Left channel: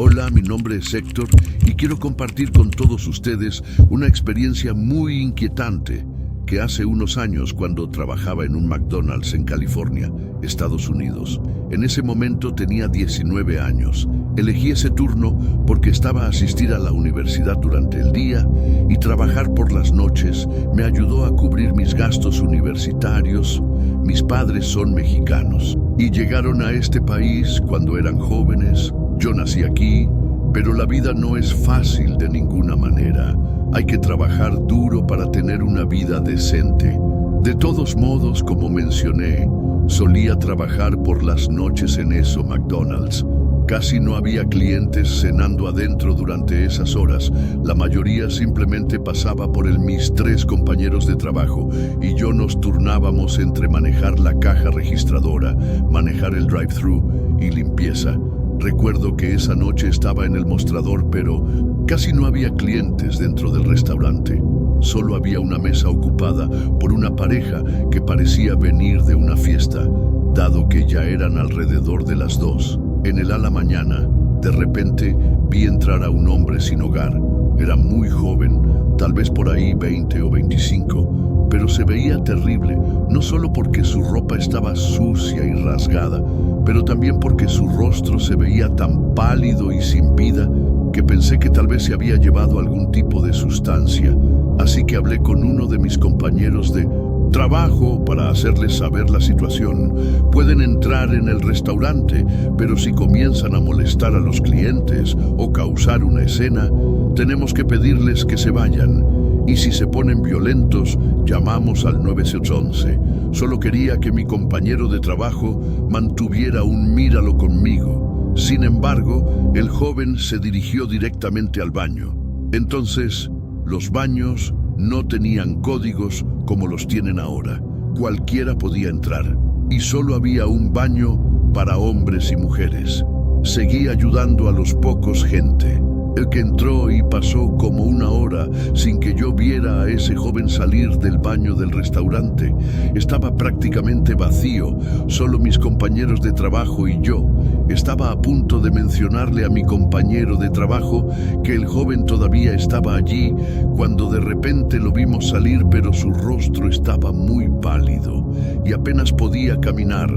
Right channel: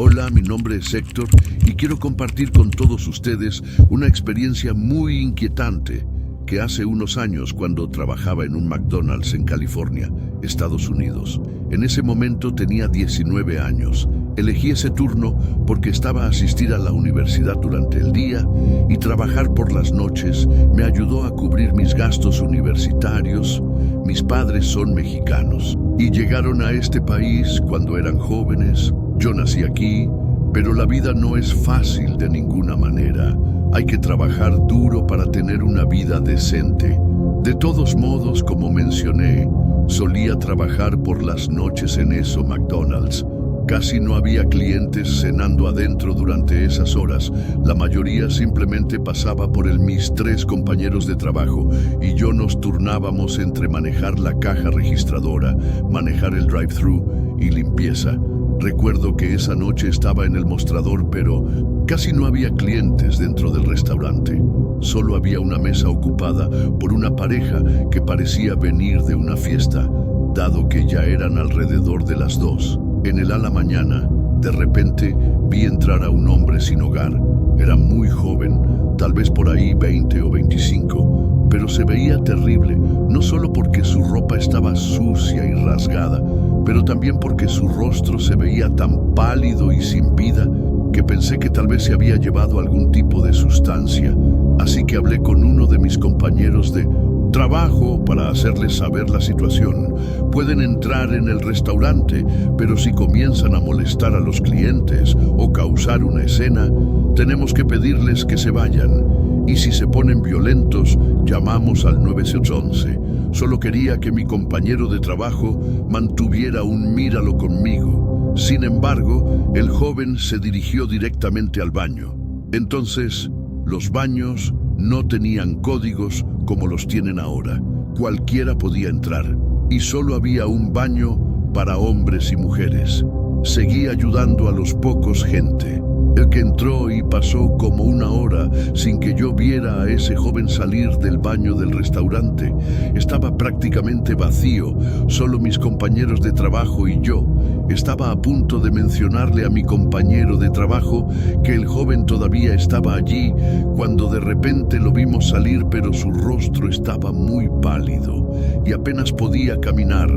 Hola, mi nombre es Héctor y quiero compartir con todos ustedes una experiencia muy inquietante que hace unos años cuando trabajaba en un McDonald's en California, Estados Unidos. En ese momento tenía 19 años. Elegí ese turno porque estaba a asistir a la universidad durante el día y trabajar por las noches me ayudó a cubrir mis gastos universitarios. Mis padres son mexicanos y llegaron a este país cuando eran jóvenes. Yo nací aquí, pero la vida no es fácil de ninguna manera. Hay que trabajar duro para tener una vida decente. De todos modos, como mencioné, solía trabajar por las noches en eso McDonald's. Casi no había clientes cenando adentro durante esas horas. La mayoría simplemente pasaba por mis 3 compañeros de trabajo y yo nos turnábamos entre manejar la caja registradora, manejar el drive-thru y limpieza. Recuerdo que esa noche estaba en el mostrador, pero casi no había clientes dentro del restaurante. Solo había una mesa ocupada por una pareja que parecía venir de una fiesta, dado que ya eran alrededor de las 2. En el a la mañana, de repente, vi entrar a un hombre sin hogar. Era muy joven, tal vez por ahí 20 o 25, pero se veía terrible, no solo porque su ropa estaba sucia y rasgada, pero también porque su rostro se veía tan pálido y sin vida que pensé que tal vez se había llevado algún tipo de sustancia. Así que hablé con uno de mis compañeros de trabajo para hacerles saber la situación. Pueden entrar en el restaurante, pero si comienzan a molestar a los clientes o causar una escena, tenemos que pedirles que se vayan. Y si se ponen violentos, llamamos al 911. Solo quería que mi compañero de trabajo mantuviera un míralo conmigo. Sin embargo, el joven se dirigió directamente al baño. Entonces, los baños no tenían códigos como los tienen ahora. Cualquiera podía entrar. Y solo había un baño para hombres y mujeres. Seguí ayudando a los pocos gente. El que entró y pasó como una hora sin que yo viera a ese joven salir del baño del restaurante. Estaba prácticamente vacío, solo mis compañeros de trabajo y yo. Estaba a punto de mencionarle a mi compañero de trabajo que el joven todavía estaba allí, cuando de repente lo vimos salir, pero su rostro estaba muy pálido y apenas podía caminar.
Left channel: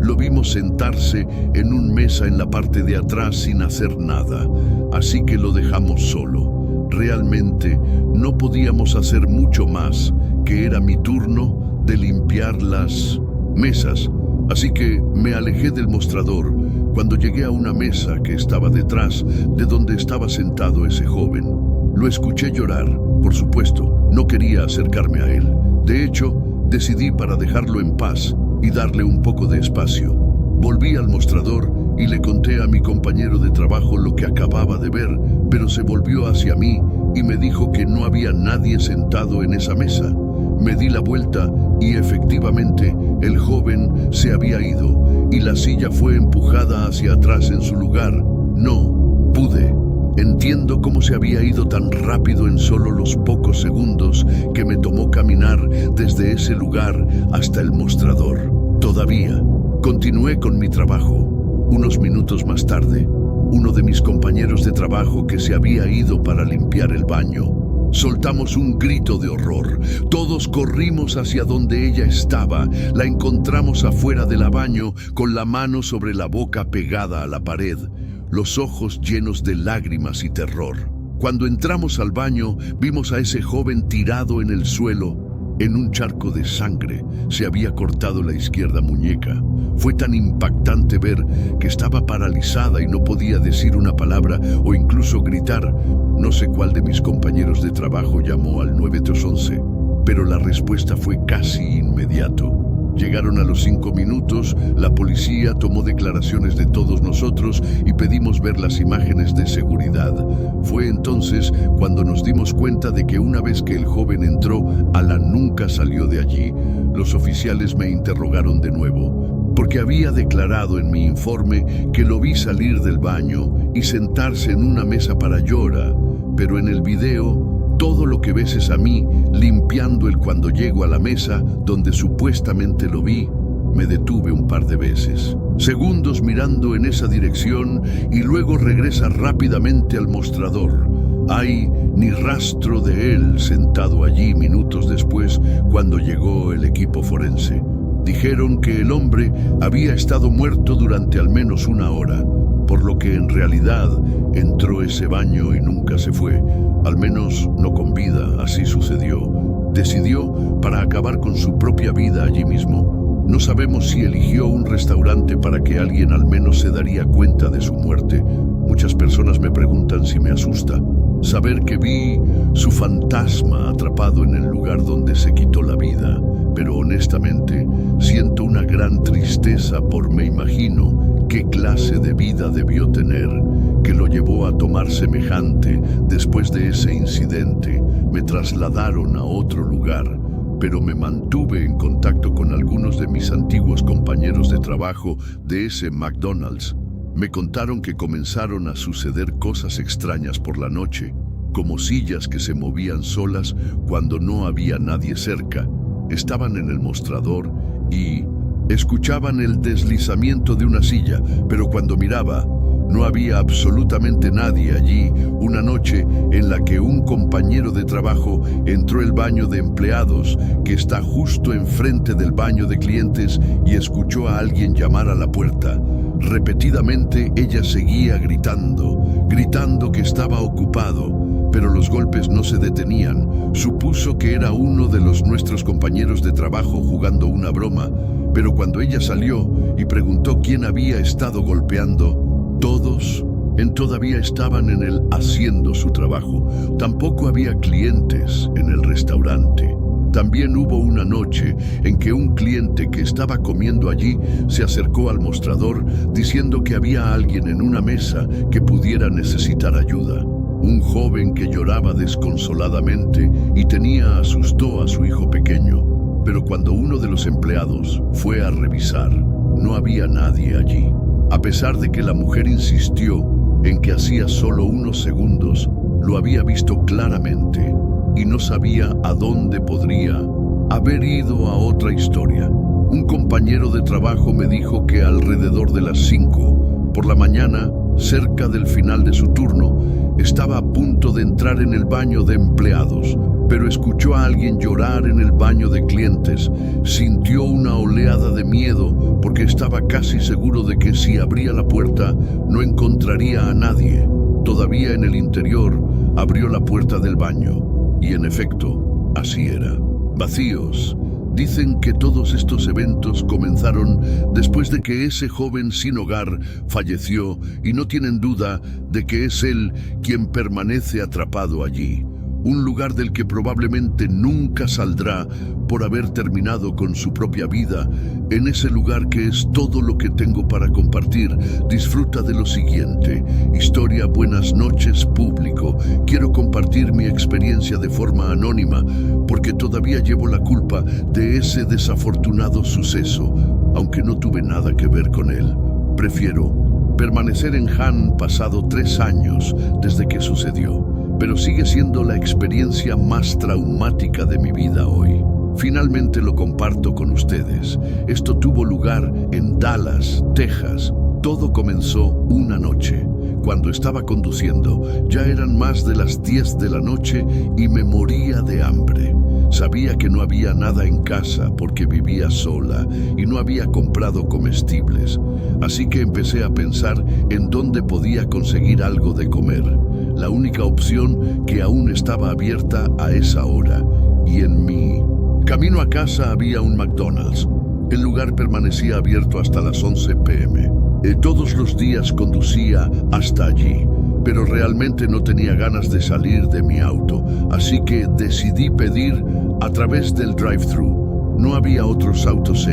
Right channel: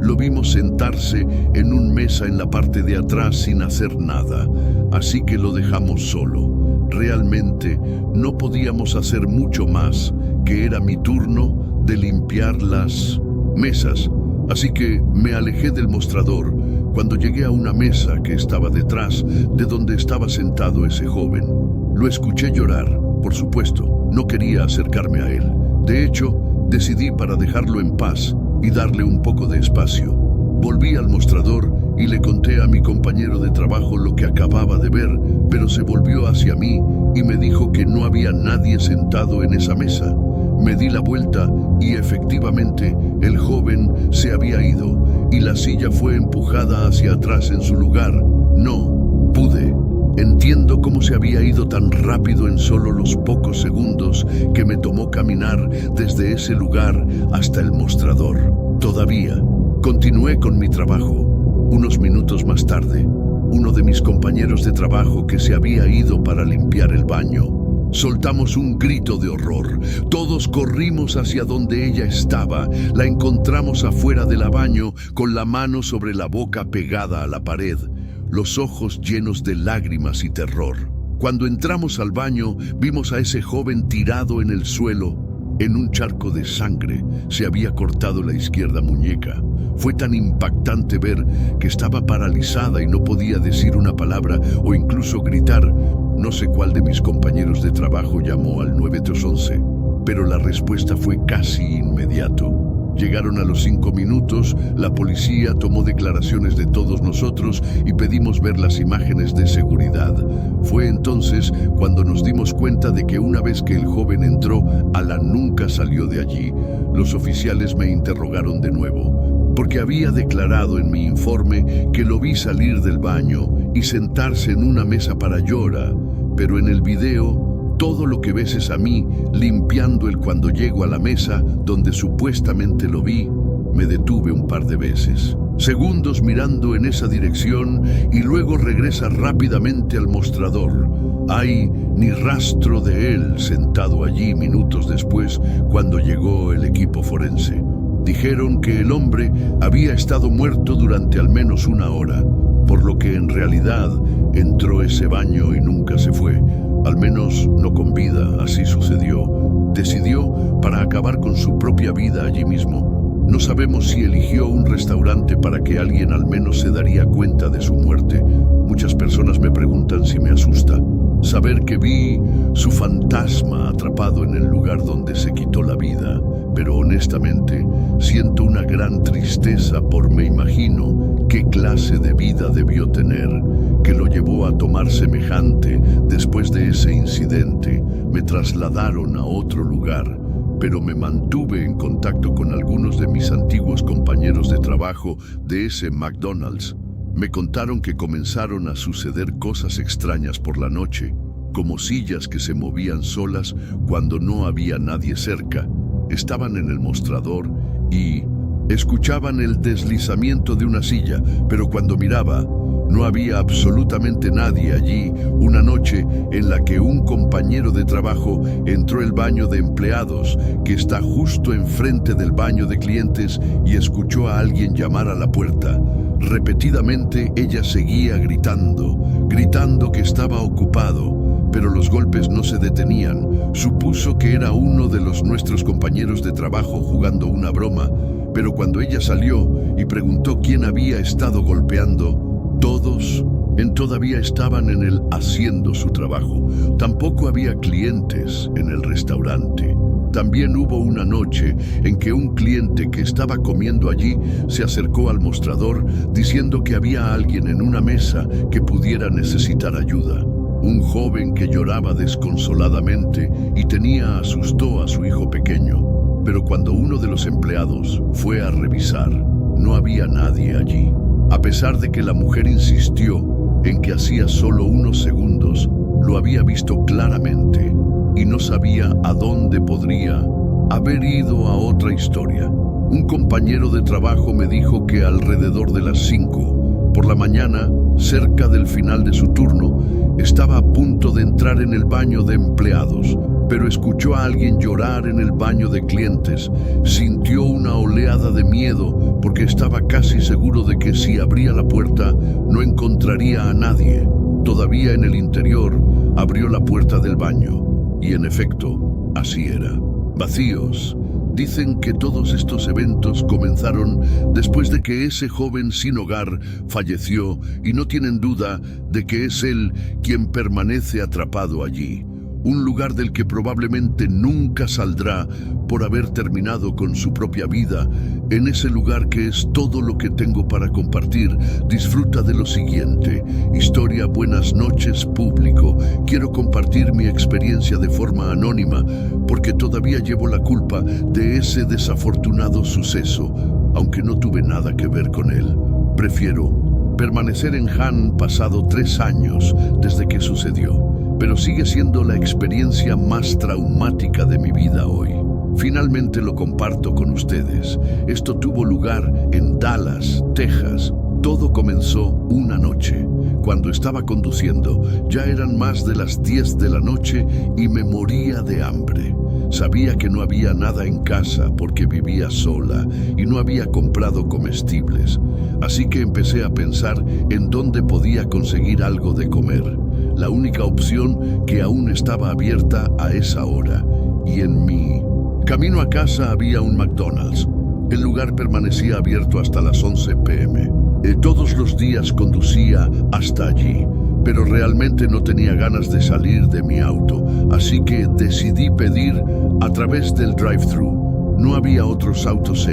Lo vimos sentarse en una mesa en la parte de atrás sin hacer nada, así que lo dejamos solo. Realmente no podíamos hacer mucho más, que era mi turno de limpiar las mesas. Así que me alejé del mostrador cuando llegué a una mesa que estaba detrás de donde estaba sentado ese joven. Lo escuché llorar, por supuesto, no quería acercarme a él. De hecho, decidí para dejarlo en paz y darle un poco de espacio. Volví al mostrador y le conté a mi compañero de trabajo lo que acababa de ver, pero se volvió hacia mí y me dijo que no había nadie sentado en esa mesa. Me di la vuelta y efectivamente el joven se había ido y la silla fue empujada hacia atrás en su lugar. No pude. Entiendo cómo se había ido tan rápido en solo los pocos segundos que me tomó caminar desde ese lugar hasta el mostrador. Todavía continué con mi trabajo. Unos minutos más tarde, uno de mis compañeros de trabajo que se había ido para limpiar el baño, soltamos un grito de horror. Todos corrimos hacia donde ella estaba. La encontramos afuera del baño con la mano sobre la boca pegada a la pared, los ojos llenos de lágrimas y terror. Cuando entramos al baño, vimos a ese joven tirado en el suelo, en un charco de sangre. Se había cortado la izquierda muñeca. Fue tan impactante ver que estaba paralizada y no podía decir una palabra o incluso gritar. No sé cuál de mis compañeros de trabajo llamó al 911, pero la respuesta fue casi inmediato. Llegaron a los 5 minutos, la policía tomó declaraciones de todos nosotros y pedimos ver las imágenes de seguridad. Fue entonces cuando nos dimos cuenta de que una vez que el joven entró, Alan nunca salió de allí. Los oficiales me interrogaron de nuevo, porque había declarado en mi informe que lo vi salir del baño y sentarse en una mesa para llorar, pero en el video todo lo que ves es a mí limpiando cuando llego a la mesa donde supuestamente lo vi. Me detuve un par de veces. segundos mirando en esa dirección y luego regresa rápidamente al mostrador. Hay ni rastro de él sentado allí minutos después cuando llegó el equipo forense. Dijeron que el hombre había estado muerto durante al menos una hora, por lo que en realidad entró ese baño y nunca se fue, al menos no con vida, así sucedió. Decidió para acabar con su propia vida allí mismo. No sabemos si eligió un restaurante para que alguien al menos se daría cuenta de su muerte. Muchas personas me preguntan si me asusta saber que vi su fantasma atrapado en el lugar donde se quitó la vida, pero honestamente siento una gran tristeza me imagino qué clase de vida debió tener, que lo llevó a tomar semejante. Después de ese incidente, me trasladaron a otro lugar, pero me mantuve en contacto con algunos de mis antiguos compañeros de trabajo de ese McDonald's. Me contaron que comenzaron a suceder cosas extrañas por la noche, como sillas que se movían solas cuando no había nadie cerca. Estaban en el mostrador y escuchaban el deslizamiento de una silla, pero cuando miraba, no había absolutamente nadie allí. Una noche en la que un compañero de trabajo entró al baño de empleados, que está justo enfrente del baño de clientes, y escuchó a alguien llamar a la puerta. Repetidamente ella seguía gritando que estaba ocupado, pero los golpes no se detenían. Supuso que era uno de nuestros compañeros de trabajo jugando una broma, pero cuando ella salió y preguntó quién había estado golpeando, todos todavía estaban en él haciendo su trabajo. Tampoco había clientes en el restaurante. También hubo una noche en que un cliente que estaba comiendo allí se acercó al mostrador diciendo que había alguien en una mesa que pudiera necesitar ayuda. Un joven que lloraba desconsoladamente y asustó a su hijo pequeño. Pero cuando uno de los empleados fue a revisar, no había nadie allí. A pesar de que la mujer insistió en que hacía solo unos segundos lo había visto claramente y no sabía a dónde podría haber ido. A otra historia. Un compañero de trabajo me dijo que alrededor de las 5 por la mañana, cerca del final de su turno, estaba a punto de entrar en el baño de empleados, pero escuchó a alguien llorar en el baño de clientes. Sintió una oleada de miedo porque estaba casi seguro de que si abría la puerta no encontraría a nadie. Todavía en el interior, abrió la puerta del baño y en efecto, así era. Vacíos. Dicen que todos estos eventos comenzaron después de que ese joven sin hogar falleció y no tienen duda de que es él quien permanece atrapado allí. Un lugar del que probablemente nunca saldrá por haber terminado con su propia vida. En ese lugar que es todo lo que tengo para compartir, disfruta de lo siguiente. Historia. Buenas noches, público. Quiero compartir mi experiencia de forma anónima porque todavía llevo la culpa de ese desafortunado suceso, aunque no tuve nada que ver con él. Prefiero permanecer en Han pasado 3 años desde que sucedió, pero sigue siendo la experiencia más traumática de mi vida hoy. Finalmente lo comparto con ustedes. Esto tuvo lugar en Dallas, Texas. Todo comenzó una noche. Cuando estaba conduciendo, ya eran más de las 10 de la noche y me moría de hambre. Sabía que no había nada en casa porque vivía sola y no había comprado comestibles. Así que empecé a pensar en dónde podía conseguir algo de comer. La única opción que aún estaba abierta a esa hora. Y en mi camino a casa había un McDonald's. El lugar permanecía abierto hasta las 11 p.m. Todos los días conducía hasta allí, pero realmente no tenía ganas de salir de mi auto, así que decidí pedir a través del drive-thru. No había otros autos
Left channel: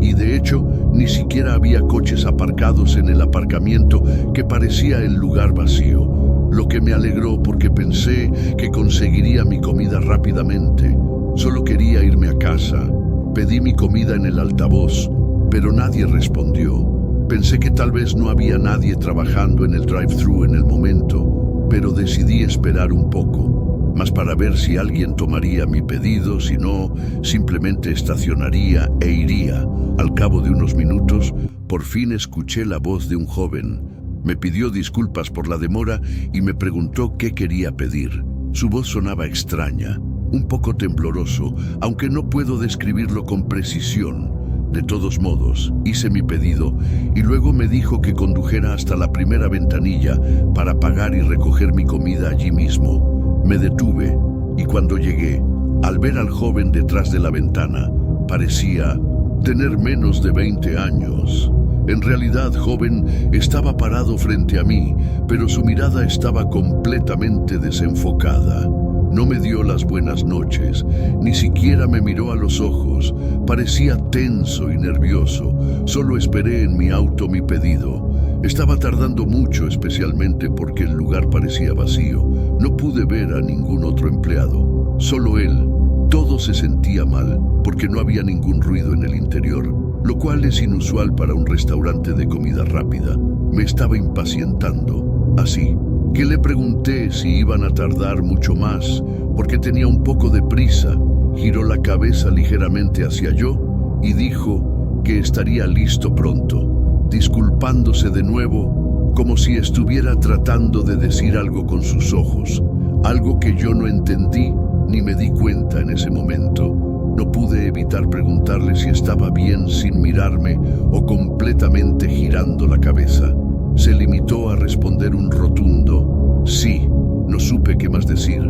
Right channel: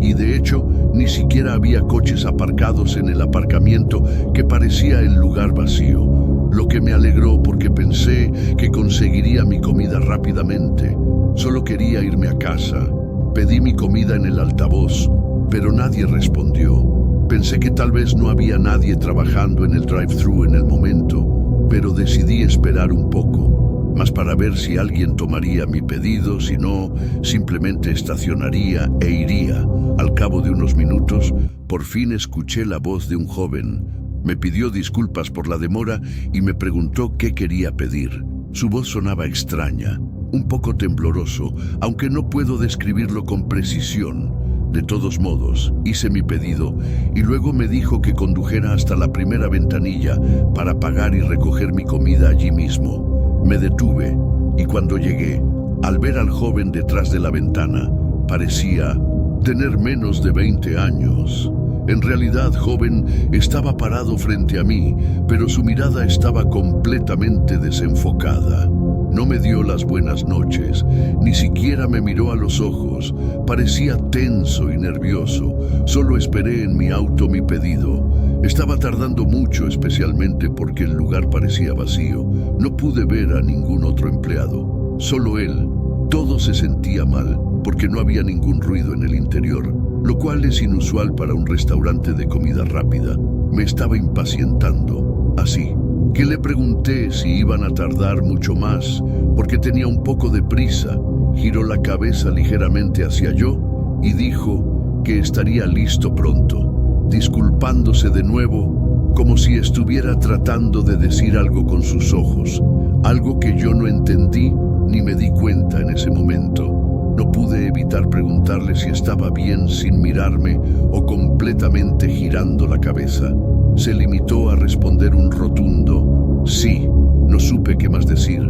y de hecho ni siquiera había coches aparcados en el aparcamiento, que parecía el lugar vacío, lo que me alegró porque pensé que conseguiría mi comida rápidamente. Solo quería irme a casa. Pedí mi comida en el altavoz, pero nadie respondió. Pensé que tal vez no había nadie trabajando en el drive-thru en el momento, pero decidí esperar un poco, más para ver si alguien tomaría mi pedido. Si no, simplemente estacionaría e iría. Al cabo de unos minutos, Por fin escuché la voz de un joven. Me pidió disculpas por la demora y me preguntó qué quería pedir. Su voz sonaba extraña, un poco tembloroso, aunque no puedo describirlo con precisión. De todos modos, hice mi pedido y luego me dijo que condujera hasta la primera ventanilla para pagar y recoger mi comida allí mismo. Me detuve y cuando llegué, al ver al joven detrás de la ventana, parecía tener menos de 20 años. En realidad, joven estaba parado frente a mí, pero su mirada estaba completamente desenfocada. No me dio las buenas noches, ni siquiera me miró a los ojos. Parecía tenso y nervioso. Solo esperé en mi auto mi pedido. Estaba tardando mucho, especialmente porque el lugar parecía vacío. No pude ver a ningún otro empleado, solo él. Todo se sentía mal, porque no había ningún ruido en el interior, lo cual es inusual para un restaurante de comida rápida. Me estaba impacientando. Así que le pregunté si iban a tardar mucho más, porque tenía un poco de prisa. Giró la cabeza ligeramente hacia yo y dijo que estaría listo pronto, disculpándose de nuevo, como si estuviera tratando de decir algo con sus ojos, algo que yo no entendí ni me di cuenta en ese momento. No pude evitar preguntarle si estaba bien sin mirarme o completamente girando la cabeza. Se limitó a responder un rotundo sí. No supe qué más decir,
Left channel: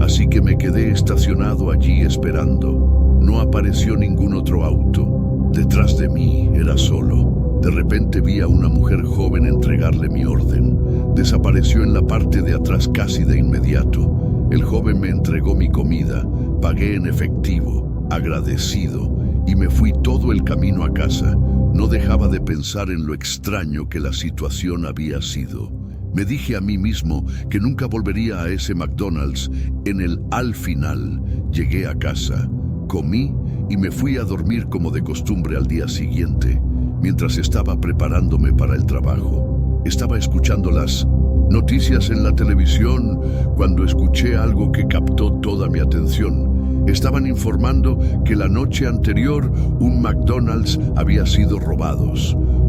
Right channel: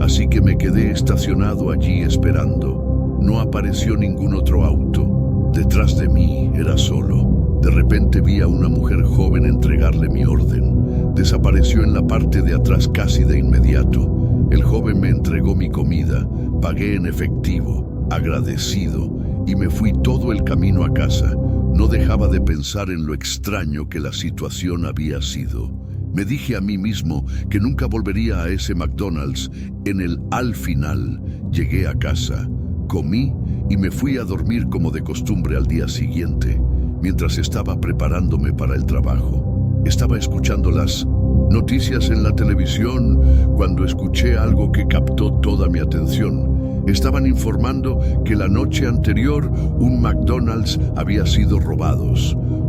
así que me quedé estacionado allí esperando. No apareció ningún otro auto. Detrás de mí era solo. De repente vi a una mujer joven entregarle mi orden. Desapareció en la parte de atrás casi de inmediato. El joven me entregó mi comida, pagué en efectivo, agradecido, y me fui todo el camino a casa. No dejaba de pensar en lo extraño que la situación había sido. Me dije a mí mismo que nunca volvería a ese McDonald's. Al final, llegué a casa, comí y me fui a dormir como de costumbre al día siguiente, mientras estaba preparándome para el trabajo. Estaba escuchando las noticias en la televisión cuando escuché algo que captó toda mi atención. Estaban informando que la noche anterior un McDonald's había sido robado.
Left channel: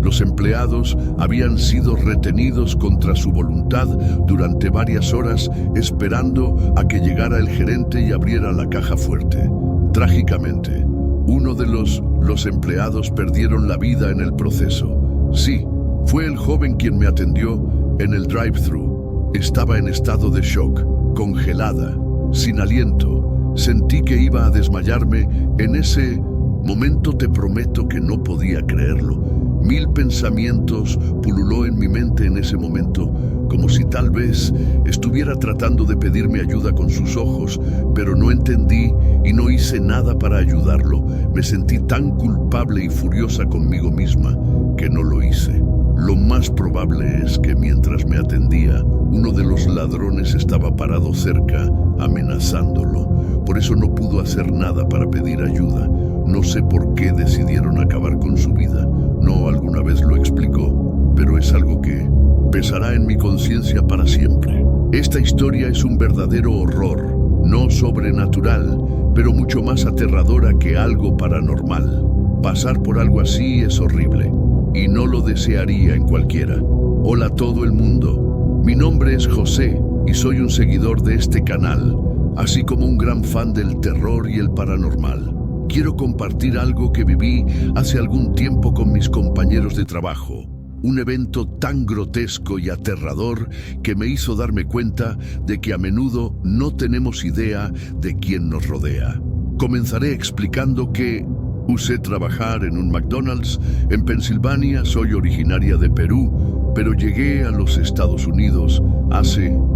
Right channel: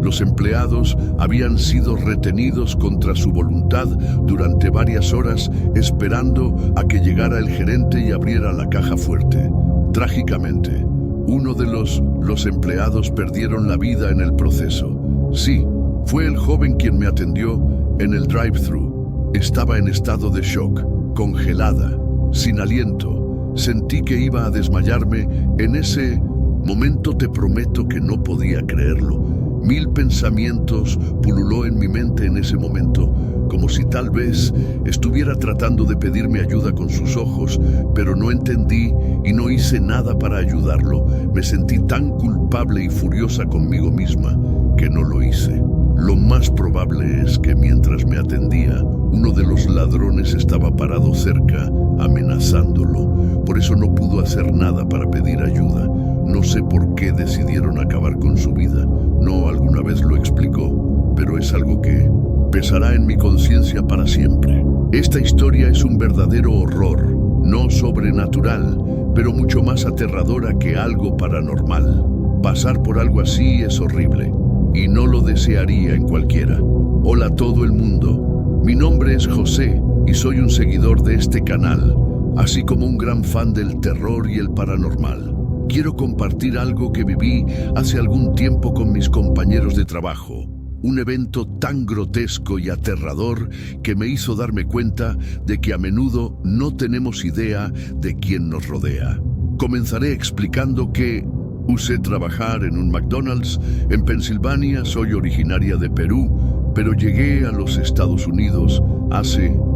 Los empleados habían sido retenidos contra su voluntad durante varias horas esperando a que llegara el gerente y abriera la caja fuerte. Trágicamente, uno de los empleados perdieron la vida en el proceso. Sí, fue el joven quien me atendió en el drive-thru. Estaba en estado de shock, congelada, sin aliento. Sentí que iba a desmayarme. En ese momento te prometo que no podía creerlo. 1000 pensamientos pululó en mi mente en ese momento, como si tal vez estuviera tratando de pedirme ayuda con sus ojos, pero no entendí y no hice nada para ayudarlo. Me sentí tan culpable y furiosa conmigo misma que no lo hice. Lo más probable es que mientras me atendía, uno de los ladrones estaba parado cerca, amenazándolo. Por eso no pudo hacer nada para pedir ayuda. No sé por qué decidieron acabar con su vida. No alguna vez lo explicó, pero es algo que pesará en mi conciencia para siempre. Esta historia es un verdadero horror, no sobrenatural, pero mucho más aterradora que algo paranormal. Pasar por algo así es horrible, y no lo desearía en cualquiera. Hola a todo el mundo, mi nombre es José y soy un seguidor de este canal, así como un gran fan del terror y el paranormal. Quiero compartir algo que viví hace algún tiempo con mis compañeros de trabajo. Un evento tan grotesco y aterrador que me hizo darme cuenta de que a menudo no tenemos idea de quién nos rodea. Comenzaré explicando que usé trabajar en un McDonald's en Pensilvania. Soy originaria de Perú, pero llegué a los Estados Unidos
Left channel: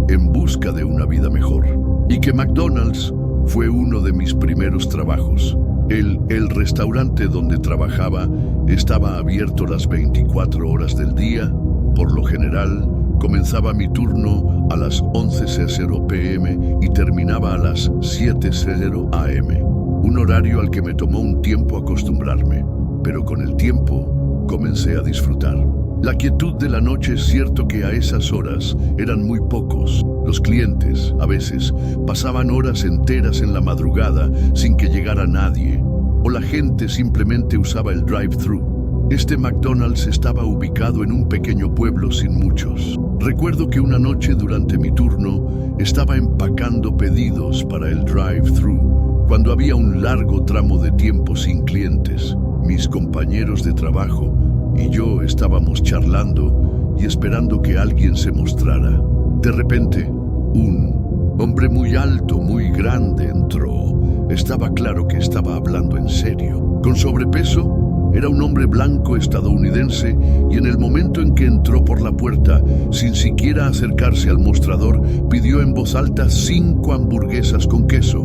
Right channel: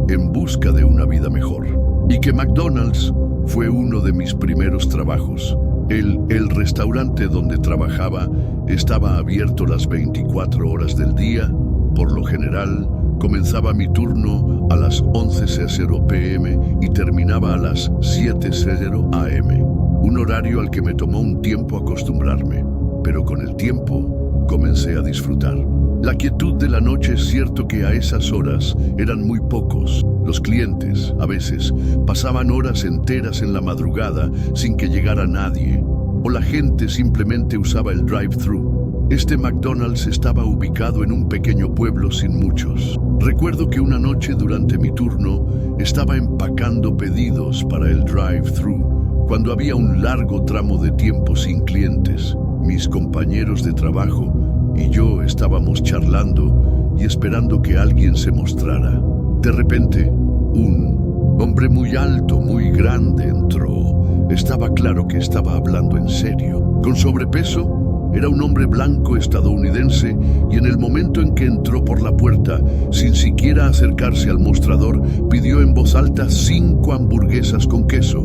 en busca de una vida mejor. Y que McDonald's fue uno de mis primeros trabajos. El restaurante donde trabajaba estaba abierto las 24 horas del día. Por lo general, comenzaba mi turno a las 11:00 p.m. y terminaba a las 7:00 a.m., un horario al que me tomó un tiempo acostumbrarme, pero con el tiempo comencé a disfrutar. La quietud de la noche. Es cierto que a esas horas eran muy pocos. Los clientes, a veces, pasaban horas enteras en la madrugada sin que llegara nadie, o la gente simplemente usaba el drive-thru. Este McDonald's estaba ubicado en un pequeño pueblo sin muchos. Recuerdo que una noche durante mi turno estaba empacando pedidos para el drive-thru, cuando había un largo tramo de tiempo sin clientes. Mis compañeros de trabajo y yo estábamos charlando y esperando que alguien se mostrara. De repente, un hombre muy alto, muy grande entró. Estaba claro que estaba hablando en serio. Con sobrepeso, era un hombre blanco estadounidense y en el momento en que entró por la puerta, sin siquiera acercarse al mostrador, pidió en voz alta 5 hamburguesas con queso.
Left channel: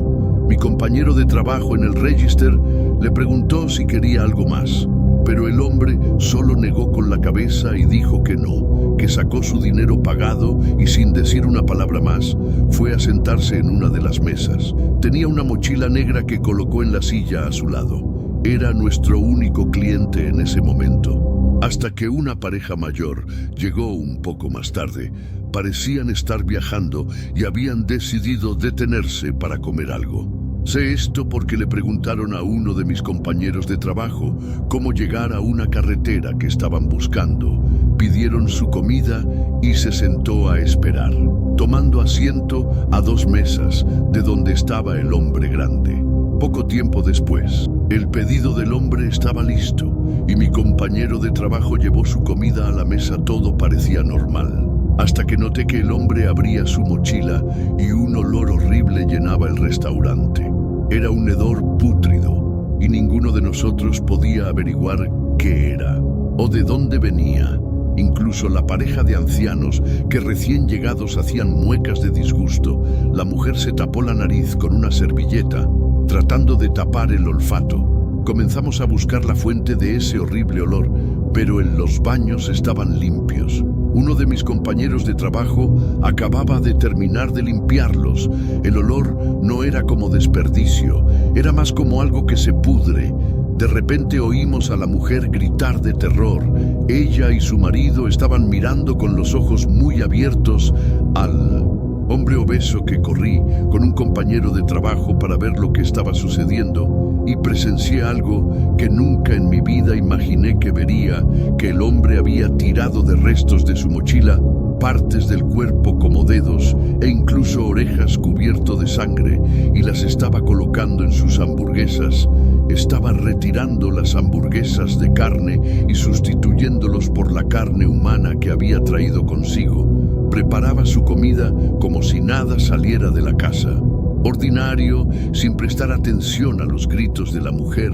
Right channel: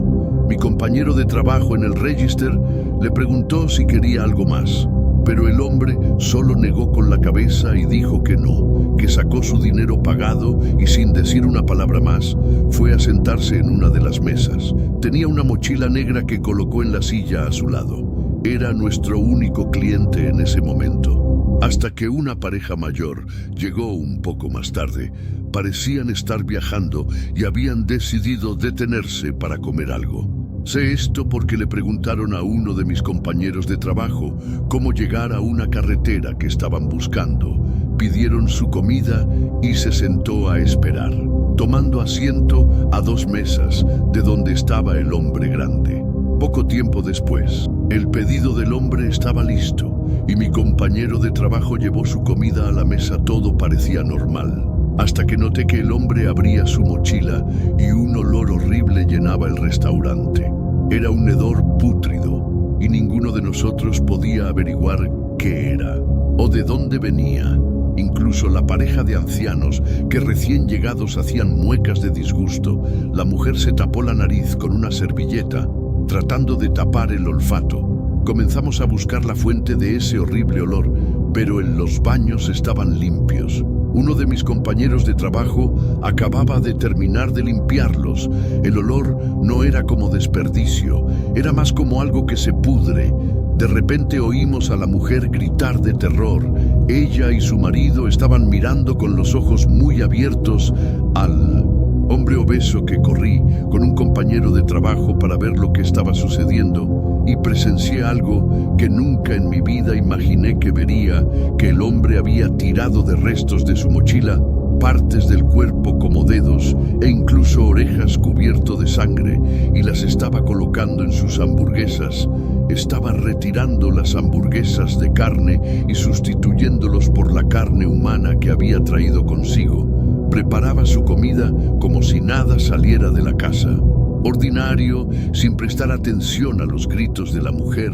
Mi compañero de trabajo en el register le preguntó si quería algo más, pero el hombre solo negó con la cabeza y dijo que no, que sacó su dinero pagado y sin decir una palabra más, fue a sentarse en una de las mesas. Tenía una mochila negra que colocó en la silla a su lado. Era nuestro único cliente en ese momento, hasta que una pareja mayor llegó un poco más tarde. Parecían estar viajando y habían decidido detenerse para comer algo. Sé esto porque le preguntaron a uno de mis compañeros de trabajo cómo llegar a una carretera que estaban buscando. Pidieron su comida y se sentó a esperar, tomando asiento a 2 mesas de donde estaba el hombre grande. Poco tiempo después, el pedido del hombre estaba listo y mi compañero de trabajo llevó su comida a la mesa. Todo parecía normal, hasta que noté que el hombre abría su mochila y un olor horrible llenaba el restaurante. Era un hedor pútrido y ninguno de nosotros podía averiguar qué era o de dónde venía. Incluso la pareja de ancianos que recién llegados hacían muecas de disgusto. La mujer se tapó la nariz con una servilleta, tratando de tapar el olfato. Comenzamos a buscar la fuente de ese horrible olor, pero los baños estaban limpios. Uno de mis compañeros de trabajo acababa de terminar de limpiarlos. El olor no era como desperdicio, era más como algo que se pudre. De repente oímos a la mujer gritar de terror. Ella y su marido estaban mirando con los ojos muy abiertos al hombre obeso que corrí con un compañero de trabajo para ver lo que estaba sucediendo y presencié algo que nunca en mi vida imaginé que vería, que el hombre había tirado de restos de su mochila partes del cuerpo como dedos e incluso orejas cubierto de sangre y las estaba colocando en sus hamburguesas. Estaba retirando las hamburguesas de carne y sustituyéndolos por la carne humana que había traído consigo. Preparaba su comida como si nada saliera de la casa. Ordinario, sin prestar atención a los gritos de la mujer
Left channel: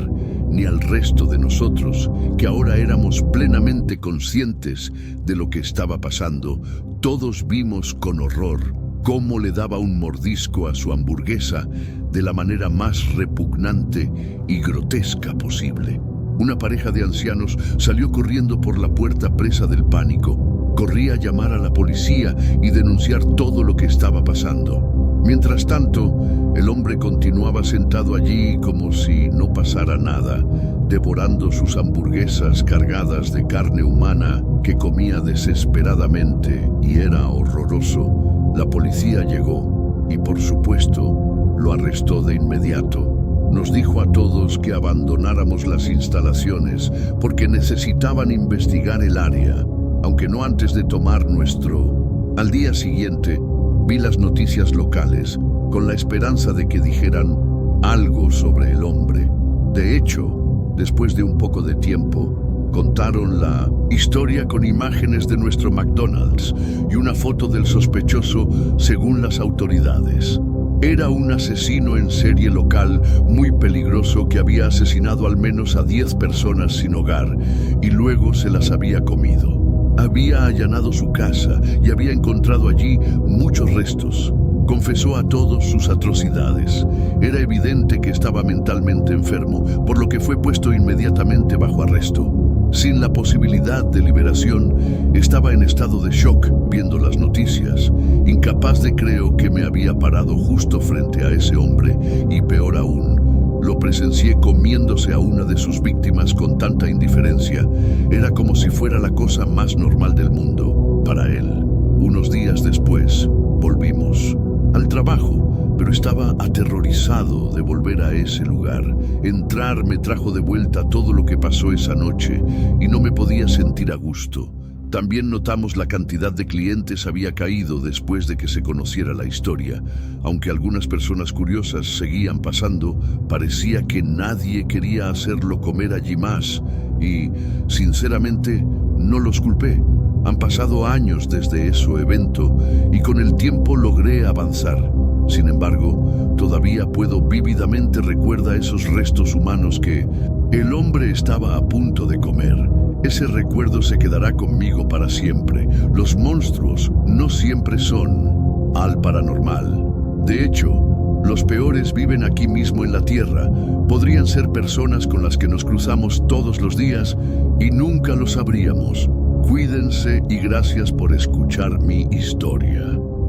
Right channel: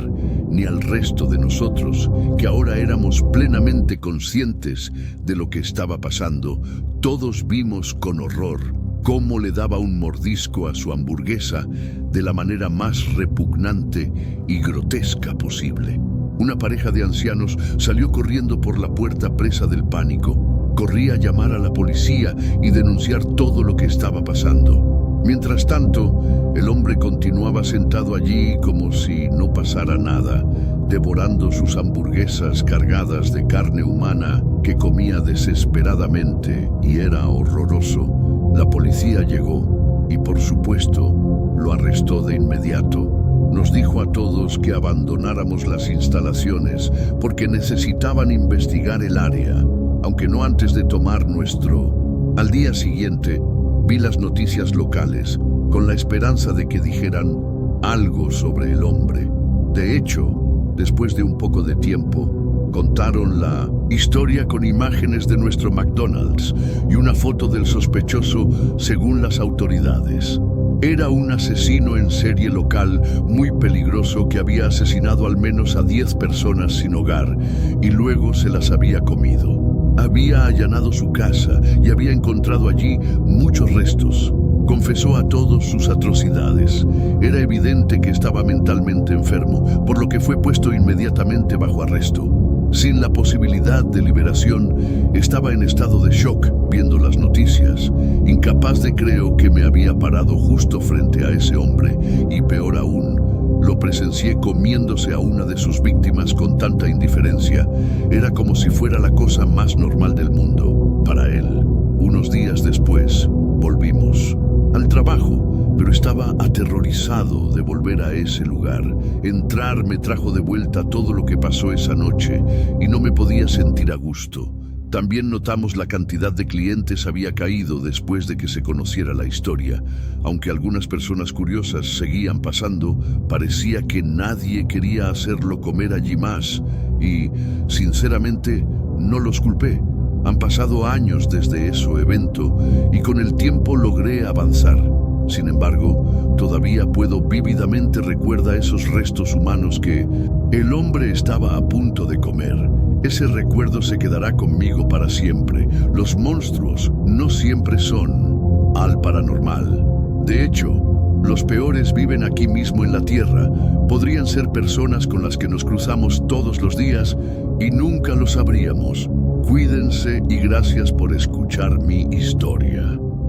ni al resto de nosotros, que ahora éramos plenamente conscientes de lo que estaba pasando. Todos vimos con horror cómo le daba un mordisco a su hamburguesa de la manera más repugnante y grotesca posible. Una pareja de ancianos salió corriendo por la puerta presa del pánico. Corría a llamar a la policía y denunciar todo lo que estaba pasando. Mientras tanto, el hombre continuaba sentado allí como si no pasara nada, devorando sus hamburguesas cargadas de carne humana que comía desesperadamente y era horroroso. La policía llegó y, por supuesto, lo arrestó de inmediato. Nos dijo a todos que abandonáramos las instalaciones porque necesitaban investigar el área, aunque no antes de tomar nuestro. Al día siguiente, vi las noticias locales con la esperanza de que dijeran algo sobre el hombre. De hecho, después de un poco de tiempo, contaron la historia con imágenes de nuestro McDonald's y una foto del sospechoso según las autoridades. Era un asesino en serie local muy peligroso que había asesinado al menos a 10 personas sin hogar y luego se las había comido. Había allanado su casa y había encontrado allí muchos restos. Confesó a todos sus atrocidades. Era evidente que estaba mentalmente enfermo, por lo que fue puesto inmediatamente bajo arresto. Sin la posibilidad de liberación, estaba en estado de shock viendo las noticias, incapaz de creer que me había parado justo frente a ese hombre, y peor aún, lo presencié comiéndose a una de sus víctimas con tanta indiferencia. Era como si fuera la cosa más normal del mundo para él. Unos días después, volvimos al trabajo, pero estaba aterrorizado de volver a ese lugar. Entrar me trajo de vuelta todo lo que pasó esa noche y no me podía sentir a gusto. También notamos la cantidad de clientes había caído después de que se conociera la historia. Aunque algunas personas curiosas seguían pasando, parecía que nadie quería hacerlo comer allí más. Y, sinceramente, no los culpé. Han pasado años desde ese evento y con el tiempo logré avanzar. Sin embargo, todavía puedo vívidamente recordar esos restos humanos que el hombre estaba a punto de comer. Ese recuerdo se quedará conmigo para siempre. Los monstruos no siempre son al paranormal. De hecho, los peores viven aquí mismo en la Tierra. Podrían ser personas con las que nos cruzamos todos los días y nunca lo sabríamos. Cuídense y gracias por escuchar mi historia.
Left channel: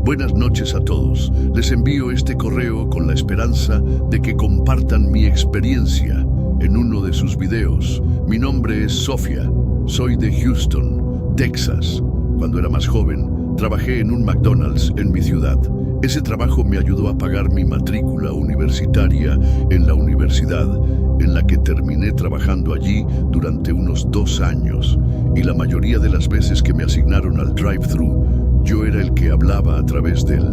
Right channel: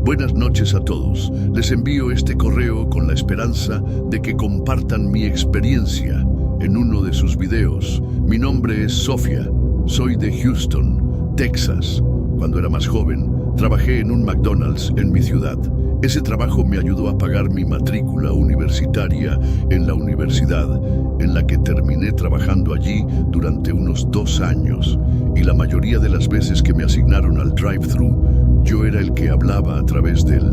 Buenas noches a todos. Les envío este correo con la esperanza de que compartan mi experiencia en uno de sus videos. Mi nombre es Sofía. Soy de Houston, Texas. Cuando era más joven, trabajé en un McDonald's en mi ciudad. Ese trabajo me ayudó a pagar mi matrícula universitaria en la universidad, en la que terminé trabajando allí durante unos 2 años. Y la mayoría de las veces que me asignaron al drive-thru, yo era el que hablaba a través de él.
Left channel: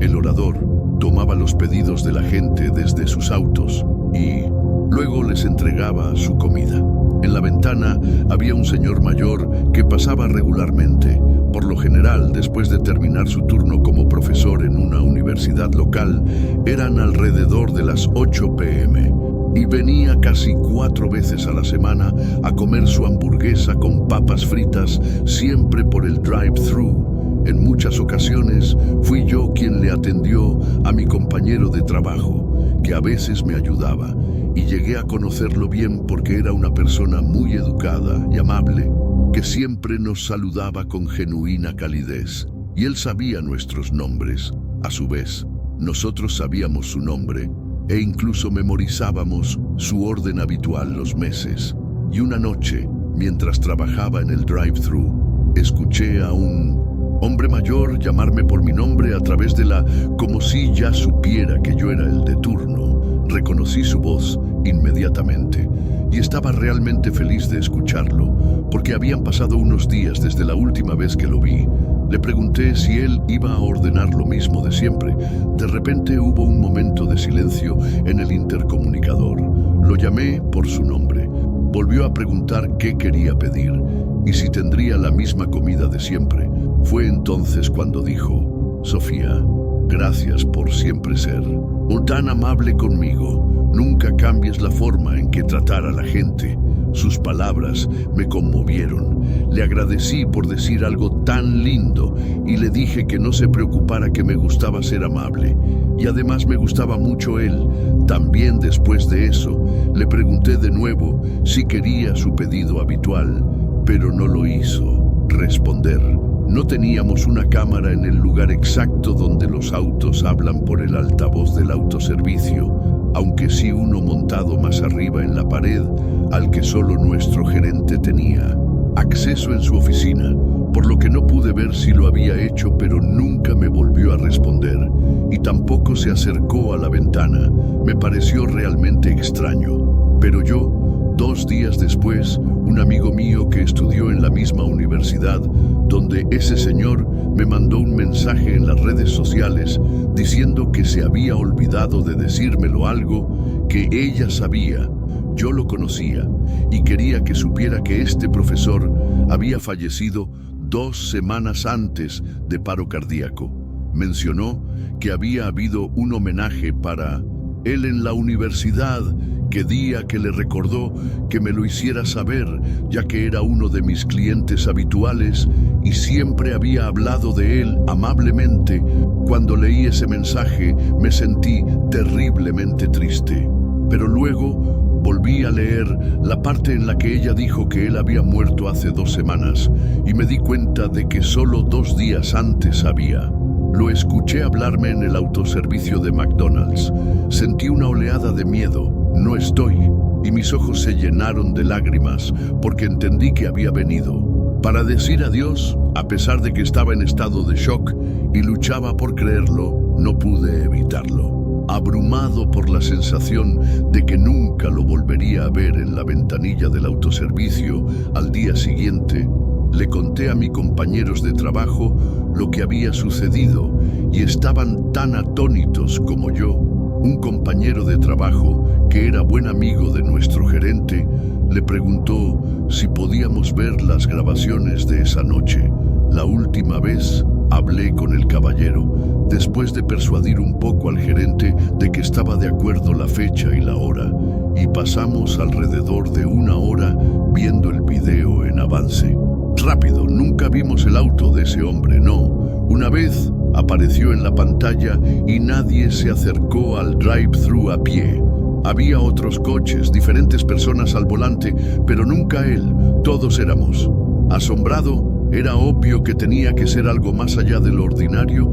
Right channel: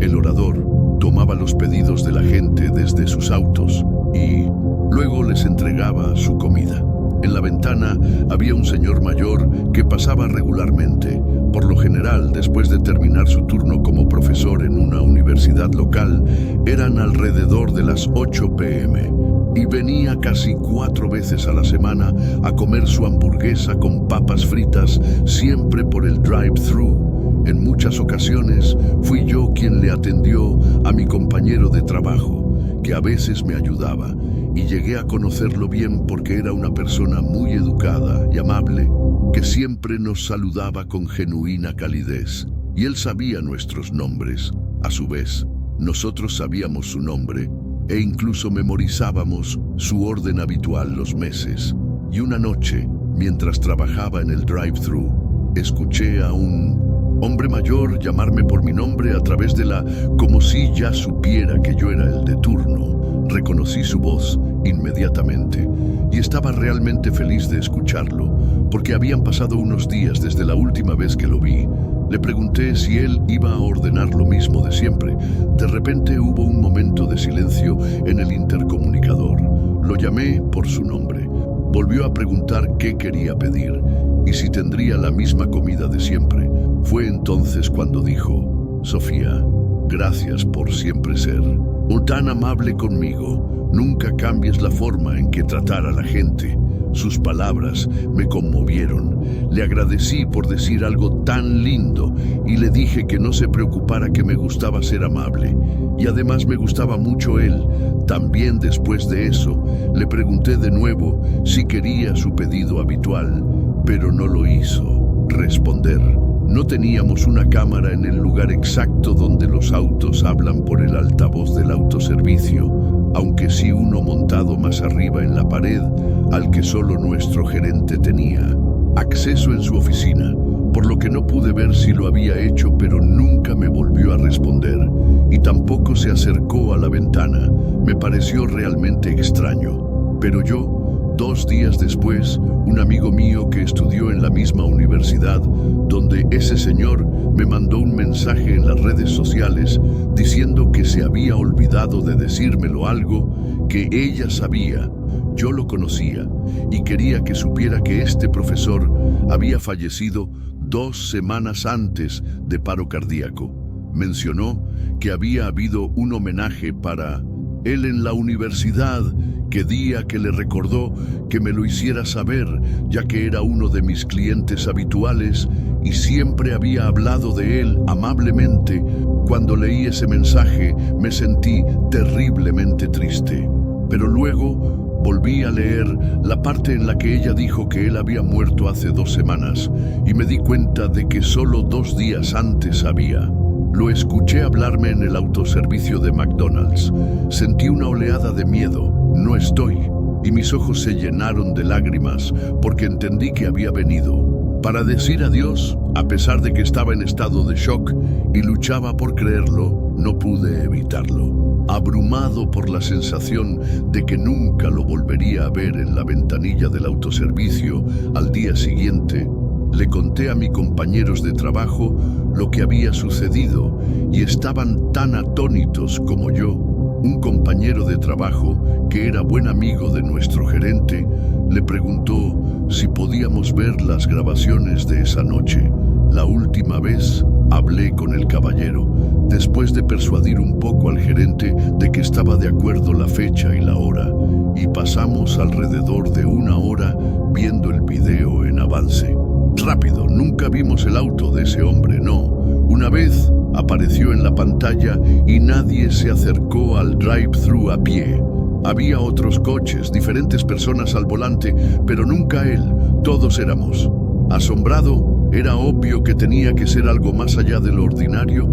El orador tomaba los pedidos de la gente desde sus autos y luego les entregaba su comida. En la ventana había un señor mayor que pasaba regularmente. Por lo general, después de terminar su turno como profesor en una universidad local, eran alrededor de las 8 p.m. y venía casi 4 veces a la semana a comer su hamburguesa con papas fritas, siempre por el drive-thru. En muchas ocasiones fui yo quien le atendió a mi compañero de trabajo, que a veces me ayudaba, y llegué a conocerlo bien porque era una persona muy educada y amable, que siempre nos saludaba con genuina calidez, y él sabía nuestros nombres. A su vez, nosotros sabíamos su nombre, e incluso memorizábamos su orden habitual los meses. Y una noche, mientras trabajaba en el drive-thru, escuché a un hombre mayor llamarme por mi nombre a través de como si ya supiera que yo era el de turno. Reconocí su voz inmediatamente y estaba realmente feliz de escucharlo, porque habían pasado unos días desde la última vez que lo vi. Le pregunté si él iba a ordenar lo mismo de siempre. De repente hubo un momento de silencio en el intercomunicador. Lo llamé por su nombre. Volvió a preguntar qué quería pedir y si tendría la misma comida de siempre. Fue entonces cuando dijo: Sofía, gracias por siempre ser tan amable conmigo. Nunca cambies la forma en que tratar a la gente. Sus palabras me conmovieron. Le agradecí por decir algo tan lindo y le dije que no se preocupara, que me gustaba ser amable. Y además me gustaba mucho él. También después de eso, le pregunté de nuevo si quería su pedido habitual, pero no lo hizo responder. No teníamos una cámara en el lugar exacto donde los autos hablan por el altavoz del autoservicio, aunque sí uno montado más arriba en la pared, al que solo nuestro gerente tenía acceso en su oficina, por lo que no pude ver si lo había hecho, pero nunca me volvió a responder, y tampoco se acercó a la ventana. Me pareció realmente extraño. Pero yo, 2 días después, un amigo mío que estudió en la misma universidad donde ese señor, me mandó un mensaje en las redes sociales diciendo que se había olvidado de decírmelo algo que ella sabía. Yo lo conocía y quería que supiera que este profesor había fallecido 2 semanas antes de paro cardíaco. Mencionó que había habido un homenaje para él en la universidad, que día que le recordó que me lo hiciera saber, ya que era uno de mis clientes habituales y siempre había hablado de él amablemente. Cuando leí ese mensaje me sentí terriblemente triste, pero luego volví a leer la parte en la que ella dijo que él había muerto hace 2 semanas y me di cuenta de que solo 2 días antes había. Lo escuché hablarme en el autoservicio de McDonald's. Sentí una oleada de miedo. No estoy. Y mis ojos se llenaron de lágrimas porque entendí que había venido para decir adiós, a pesar de que estaba en estado de shock y luchaba por creerlo. No pude evitarlo. abrumado por la sensación de que nunca lo volvería a ver en la ventanilla del autoservicio. Al día siguiente, le conté a mis compañeros de trabajo lo que había sucedido y estaban tan atónitos como yo. Un compañero de trabajo, que era buen amigo de nuestro gerente, le preguntó si podíamos ver las grabaciones de esa noche. La última vez hablé con el caballero, después de persuadir un poco al gerente de que estaba de acuerdo la fecha y la hora, y pasamos alrededor de 1 hora viendo el video en avance. Rápido, nunca vimos el auto de ese hombre, no. Una vez apareció en la pantalla y nadie se acercó al drive-thru a pie. Había otros coches, diferentes personas al volante, pero nunca él. Todos éramos. Asombrado, era obvio que tenía que ser algo más allá de lo ordinario.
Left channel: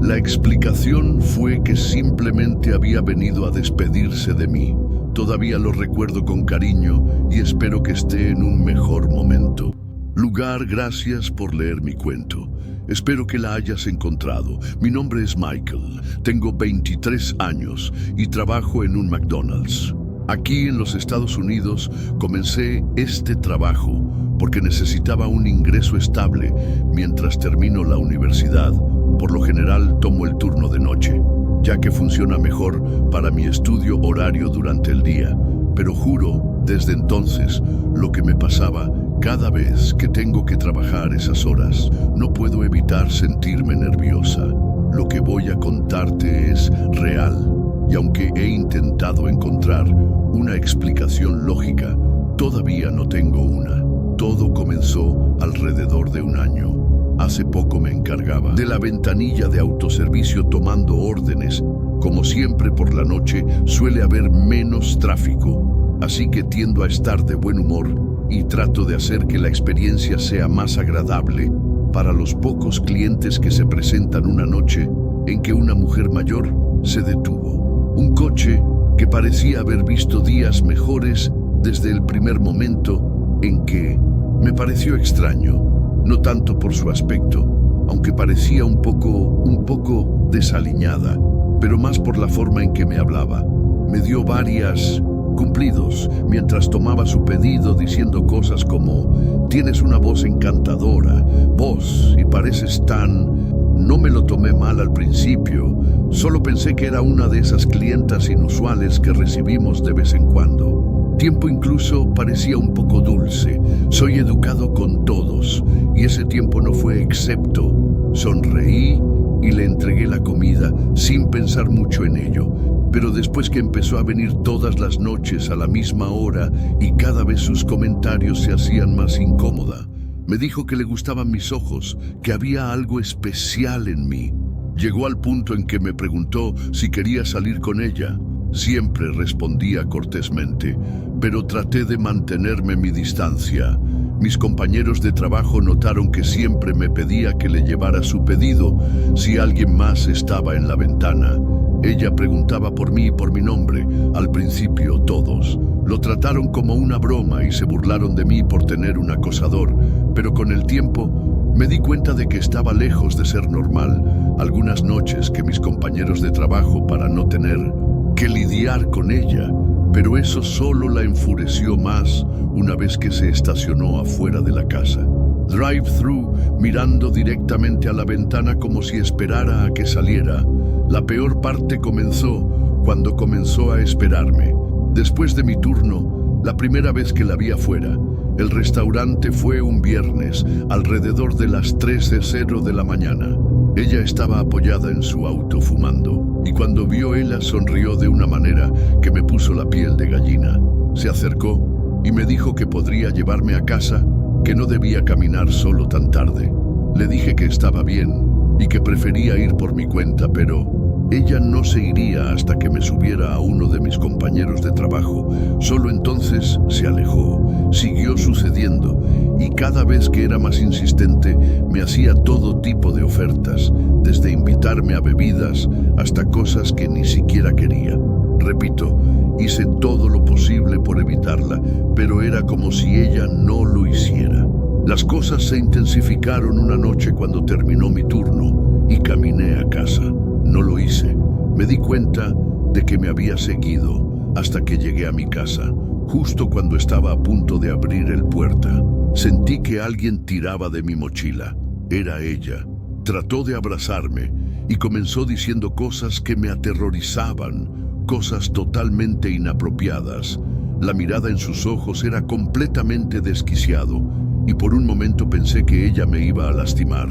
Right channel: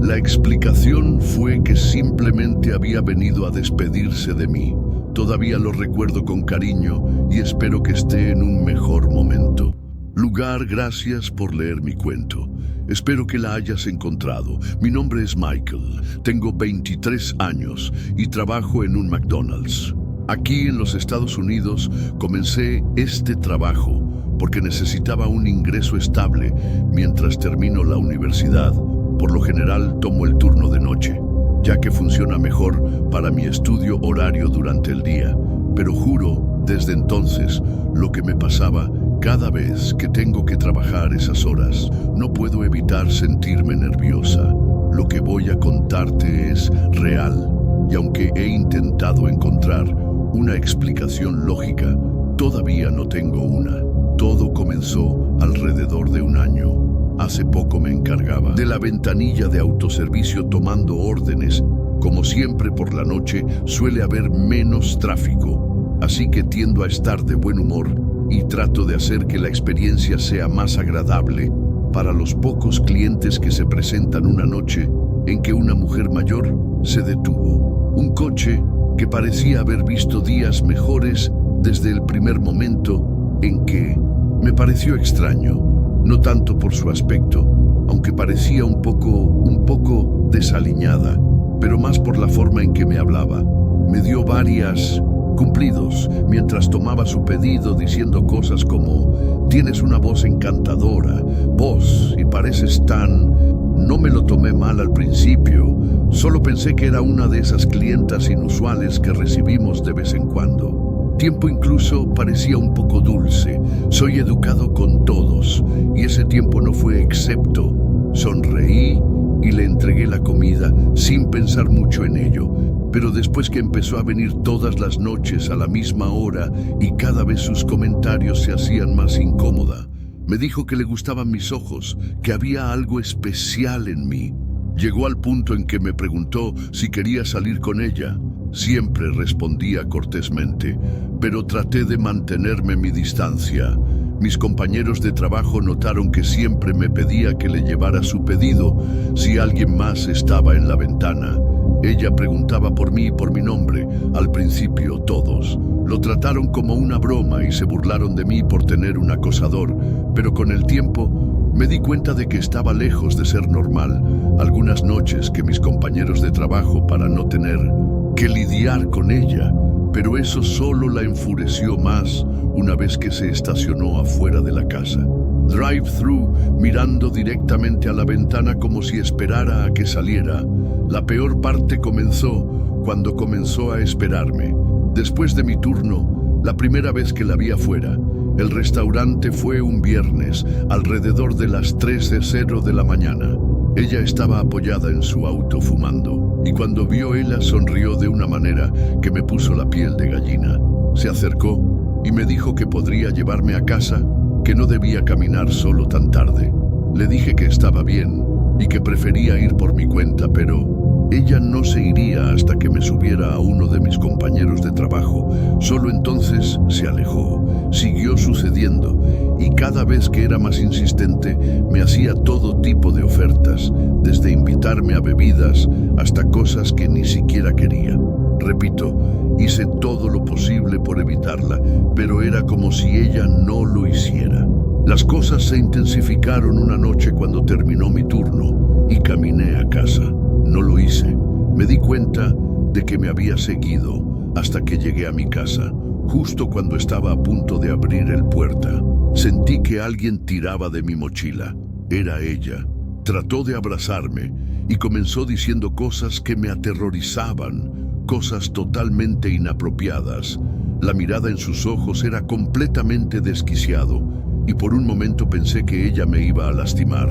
La explicación fue que simplemente había venido a despedirse de mí. Todavía lo recuerdo con cariño y espero que esté en un mejor momento. Lugar, gracias por leer mi cuento. Espero que la hayas encontrado. Mi nombre es Michael, tengo 23 años y trabajo en un McDonald's. Aquí en los Estados Unidos comencé este trabajo porque necesitaba un ingreso estable mientras termino la universidad. Por lo general tomo el turno de noche, ya que funciona mejor para mi estudio horario durante el día. Pero juro, desde entonces, lo que me pasaba cada vez que tengo que trabajar esas horas, no puedo evitar sentirme nerviosa. Lo que voy a contarte es real, y aunque he intentado encontrar una explicación lógica, todavía no tengo una. Todo comenzó alrededor de 1 año. Hace poco me encargaba de la ventanilla de autoservicio tomando órdenes. Como siempre por la noche suele haber menos tráfico, así que tiendo a estar de buen humor y trato de hacer que la experiencia sea más agradable para los pocos clientes que se presentan una noche en que una mujer mayor se detuvo. Un coche que parecía haber visto días mejores desde el primer momento en que me pareció extraño. No tanto por su aspecto, aunque parecía un poco desaliñada, pero más por la forma en que me hablaba. Me dio varios cumplidos mientras tomaba su pedido, diciendo cosas como: tienes una voz encantadora, y pareces tan... No me lo tomé mal al principio, solo pensé que era una de esas clientas inusuales que recibimos de vez en cuando. Tiempo incluso parecía un poco dulce. Soy educado con todos, y ese tiempo no fue excepto. Sonreí y le entregué la comida sin pensar mucho en ello. Pero después que empezó a venir todas las noches a la misma hora y cada vez sus comentarios se hacían más incómoda, me dijo que le gustaban mis ojos, que había algo especial en mí. Llegó al punto en que me preguntó si quería salir con ella. Siempre respondía cortésmente, pero traté de mantenerme mi distancia. Mis compañeros de trabajo notaron que siempre me pedía que le llevara su pedido si alguien más estaba en la ventana. Ella preguntaba por mí y por mi nombre. Al principio todos lo trataron como una broma y se burlaron de mí por tener un acosador, pero con el tiempo me di cuenta de que estaba lejos de ser normal. Algunas noches que mis compañeros de trabajo, para no tener que lidiar con ella, pero eso solo la enfureció más una vez que se estacionó afuera de la casa. Drive-thru, mirando directamente a la ventana como si esperara a que saliera. La peor parte comenzó cuando comenzó a esperarme. Después de mi turno, la primera vez que la vi afuera, el restaurante fue un viernes, alrededor de las 3:00 de la mañana. Ella estaba apoyada en su auto fumando, y cuando vio ella sonrió de una manera que me puso la piel de gallina. Se acercó y me dijo que podría llevarme a casa, que no debía caminar solo tan tarde. Le dije que estaba bien y que prefería ir por mi cuenta, pero ella no se iría hasta que me subiera a uno de mis compañeros de trabajo. Solo entonces se alejó. Siguió sucediendo, y cada vez que era más insistente, me hacía todo tipo de ofertas, desde invitarme a bebidas hasta cosas que ni siquiera quería. Repito, hice todo lo posible por evitarla, pero era como si ella no lo hiciera. Las cosas se intensificaron una noche cuando terminó mi turno y caminé a casa. No lo hice, Me di cuenta de que me había seguido hasta que llegué a mi casa. Justo cuando estaba a punto de abrir el puerta, sentí que alguien tiraba de mi mochila. Era ella. Trató de abrazarme y comenzó diciendo cosas que me aterrorizaban, cosas totalmente inapropiadas. La mirada en sus ojos era completamente desquiciado y por un momento pensé que ella me iba a lastimar.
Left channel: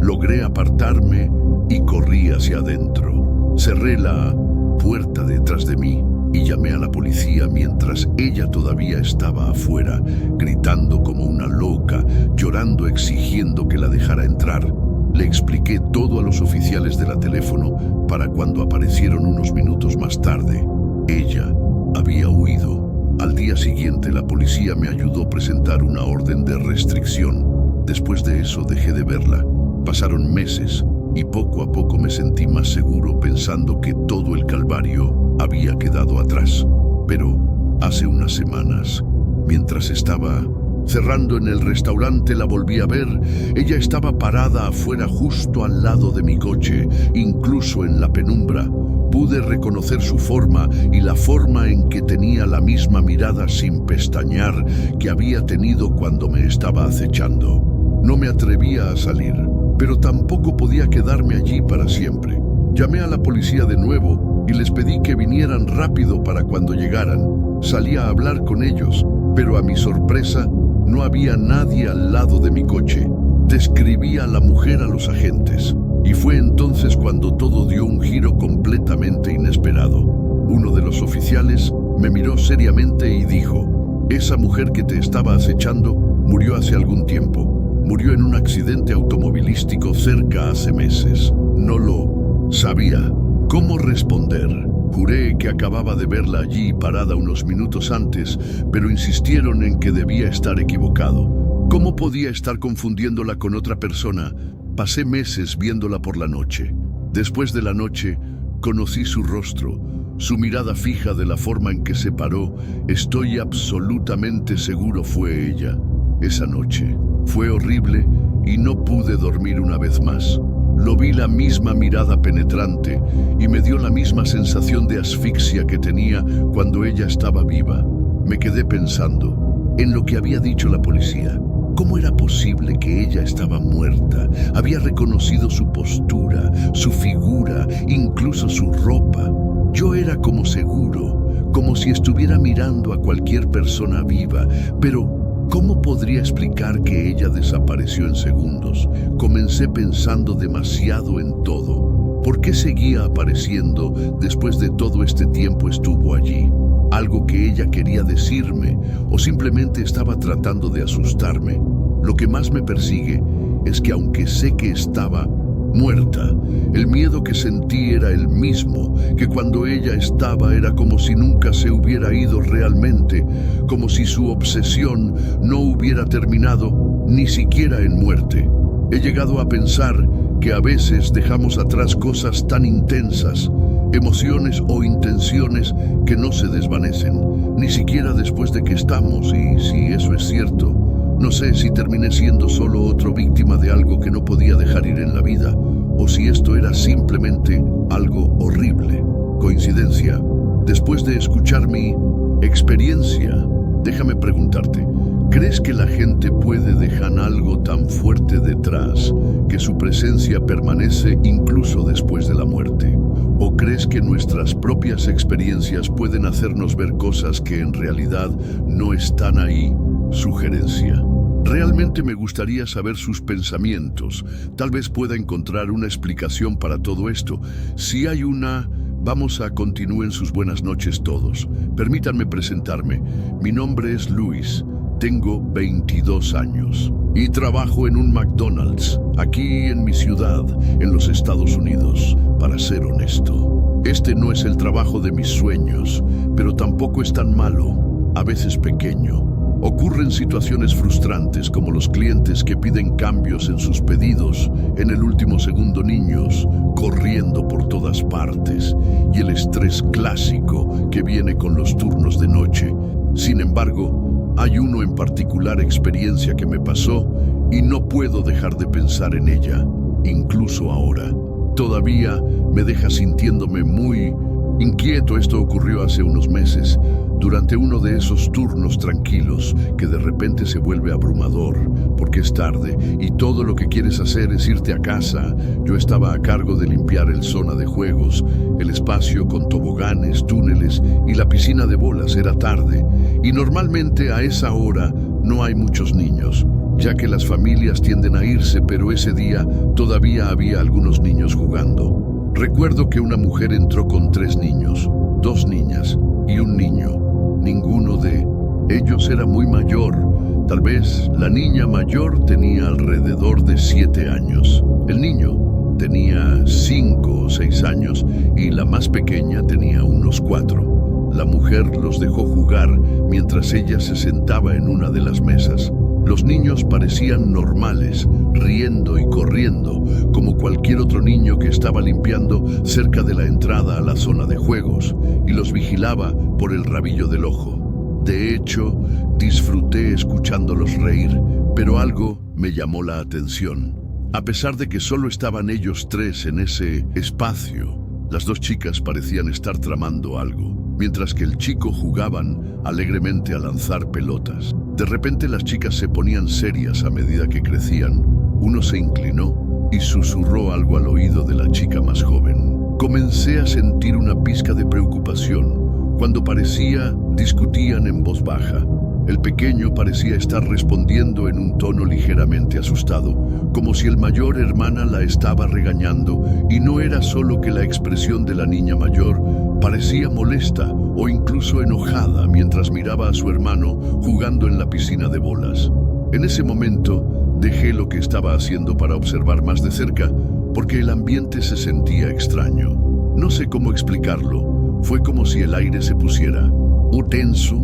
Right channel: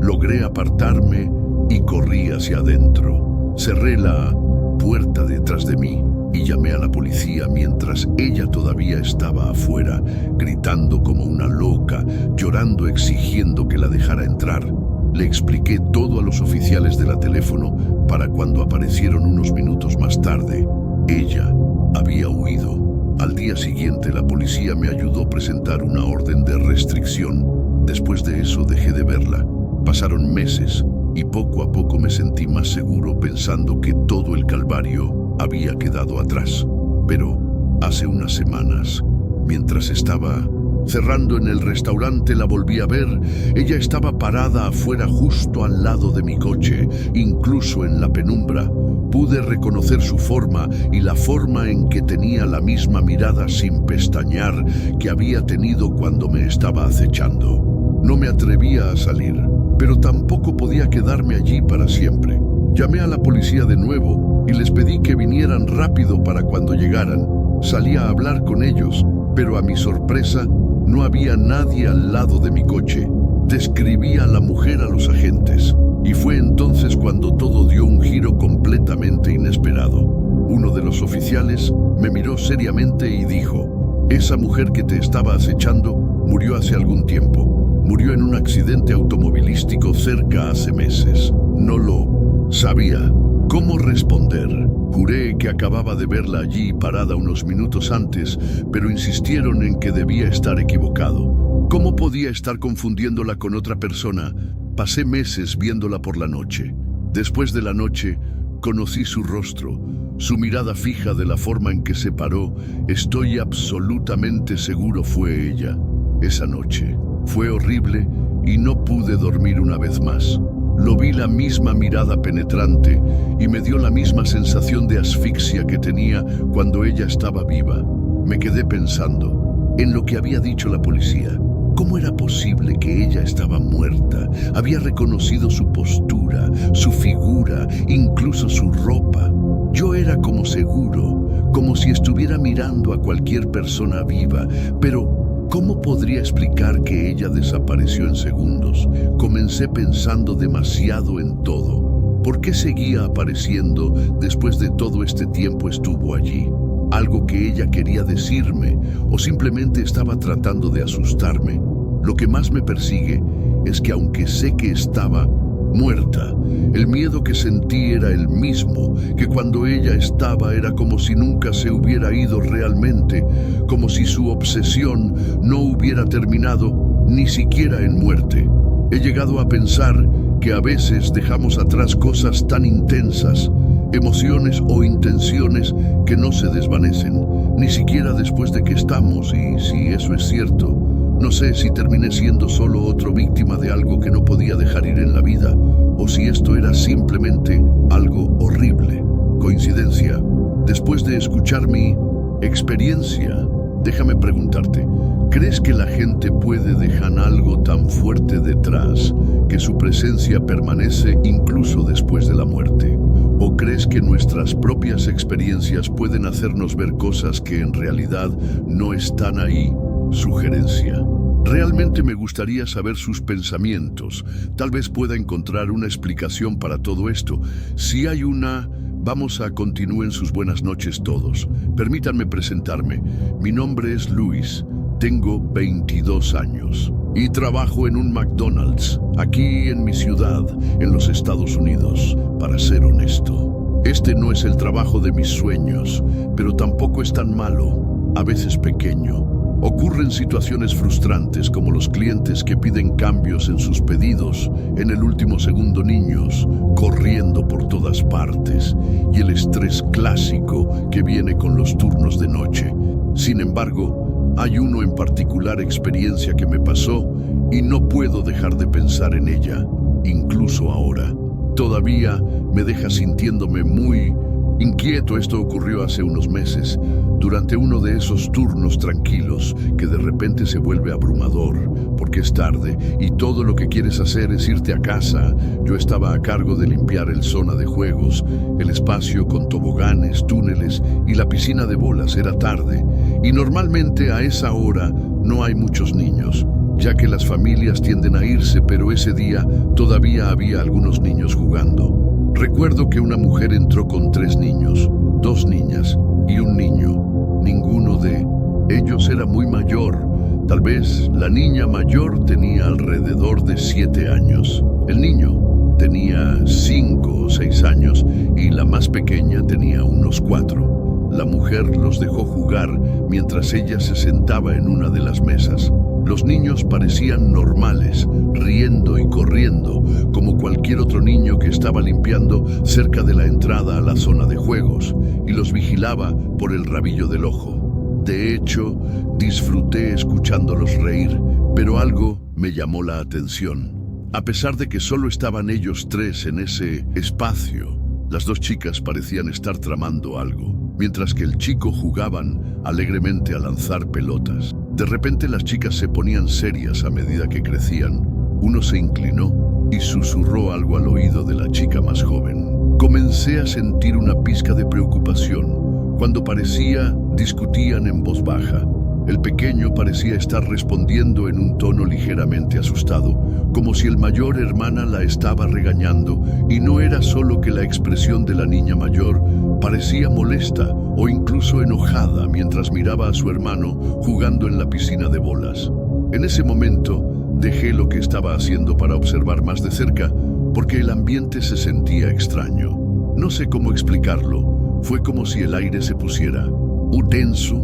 Logré apartarme y corrí hacia adentro. Cerré la puerta detrás de mí y llamé a la policía mientras ella todavía estaba afuera, gritando como una loca, llorando, exigiendo que la dejara entrar. Le expliqué todo a los oficiales de la teléfono para cuando aparecieron unos minutos más tarde. Ella había huido. Al día siguiente, la policía me ayudó a presentar una orden de restricción. Después de eso, dejé de verla. Pasaron meses y poco a poco me sentí más seguro pensando que todo el calvario había quedado atrás. Pero hace unas semanas, mientras estaba cerrando en el restaurante, la volví a ver. Ella estaba parada afuera justo al lado de mi coche, incluso en la penumbra. Pude reconocer su forma y la forma en que tenía la misma mirada sin pestañear que había tenido cuando me estaba acechando. No me atrevía a salir, pero tampoco podía quedarme allí para siempre. Llamé a la policía de nuevo y les pedí que vinieran rápido para cuando llegaran. Salí a hablar con ellos, pero a mi sorpresa, no había nadie al lado de mi coche. Describí a la mujer a los agentes, y fue entonces cuando todo dio un giro completamente inesperado. Uno de los oficiales me miró seriamente y dijo: «Esa mujer que te estaba acechando murió hace algún tiempo. Murió en un accidente automovilístico cerca hace meses». No lo sabía cómo responder. Juré que acababa de verla allí parada unos minutos antes, pero insistieron en que debía estar equivocado. ¿Cómo podía estar confundiéndola con otra persona? Pasé meses viéndola por la noche. Después de la noche, conocí su rostro, su mirada fija, de la forma en que se paró. Estoy absolutamente seguro fue ella. Esa noche fue horrible y no pude dormir una vez más. Lo vi, la misma mirada penetrante, y me dio la misma sensación de asfixia que tenía cuando ella estaba viva. Me quedé pensando en lo que había dicho la policía. ¿Cómo era posible que ella estaba muerta? Había reconocido su postura, su figura, incluso su ropa. Yo era como seguro, como si estuviera mirando a cualquier persona viva, pero ¿cómo podría explicar que ella desapareció en segundos? Comencé pensando demasiado en todo. ¿Por qué seguía apareciendo después de todo este tiempo estuvo allí? ¿Algo que ella quería decirme o simplemente estaba tratando de asustarme? Lo que más me persigue es que aunque sé que estaba muerta, el miedo que sentí era el mismo que cuando ella estaba. Era como si nunca se hubiera ido realmente, como si su obsesión no hubiera terminado ni siquiera en muerte. He llegado a pensar que a veces dejamos atrás cosas tan intensas, emociones o intenciones que no se desvanecen, ni siquiera después de que estamos. Y si eso es cierto, no sé si terminé siendo solo otra víctima de algo que no podía dejar ir en la vida, o si esto era simplemente algo horrible. Coincidencia. Después de escuchar mi experiencia, déjame preguntarte, ¿crees que la gente puede dejar algo tan fuerte detrás que su presencia permanece incluso después de la muerte? ¿O crees que nuestras propias experiencias pueden hacernos ver cosas que en realidad no están ahí? Sugerencia. Realmente me gustaría saber sus pensamientos. Tal vez pueda encontrar una explicación para todo esto. Si hay una, vamos a continuar. Sus buenas noches todos. Permítanme presentarme. Mi nombre es Luis. Tengo 22 años y trabajo en un McDonald's, aquí en mi ciudad, en los Estados Unidos. Para ser honesto, este no es el trabajo de mis sueños, pero tampoco es tan malo, a veces pequeño. Ocurren situaciones frustrantes como los clientes que piden cambios en sus pedidos en el último segundo, niños corriendo por todas partes y el estrés clásico que viene con los turnos de noche. Sin embargo, hay uno en particular, experiencia que me pasó y no puedo dejar de pensar en ella, incluso ahora. todavía me deja sintiéndome muy inquieto. Esto ocurrió hace unos meses, durante uno de esos turnos tranquilos que de repente se vuelve abrumador, porque es tarde y todo lo que quieres hacer es irte a casa. Yo estaba a cargo de limpiar el zona de juegos, el espacio con toboganes, túneles y la piscina de bolas. Era tarde y normalmente a esa hora no hay muchos niños, ya que las familias tienden a irse, pero ese día todavía había algunos niños jugando. Recuerdo que una mujer entró con 3 niños, 2 niñas y un niño. Ninguno de ellos era muy mayor. Tal vez la niña mayor tenía alrededor de 7 años. El niño tenía 5 o 6 años y la más pequeña tenía unos 4. La mujer los dejó jugar mientras ella se sentaba en una de las mesas. Los niños parecían normales, riendo y corriendo, como cualquier otro niño que estaba limpiando cerca de la entrada a la zona de juegos, y los vigilaba por el rabillo del ojo. De hecho, disfruté escuchándolos reír, pero algo me llamó la atención. A pesar de que solo estaban ellos 3 en ese espacio, las 2 chicas parecían estar tramando algo, mientras que el chico jugaban alegremente a lanzar pelotas. De repente las chicas se ponían serias a medida que crecían. Uno se inclinó y susurró algo al oído de la chica más joven. Comencé a sentir una pizca de preocupación. Cuando parecía, discutían en voz baja. El pequeño parecía estar respondiendo en un tono ligeramente asustado, como si el mayor hermana la estaba regañando, y no era solo que la expresión de la niña mayor parecía molesta o incluso enojada mientras miraba a su hermano jugando en la piscina de bolas. En ese momento dejé lo que estaba haciendo para observar más de cerca, porque el ambiente se sentía extraño. No sé cómo explicarlo. Fue como si el aire se pusiera tenso,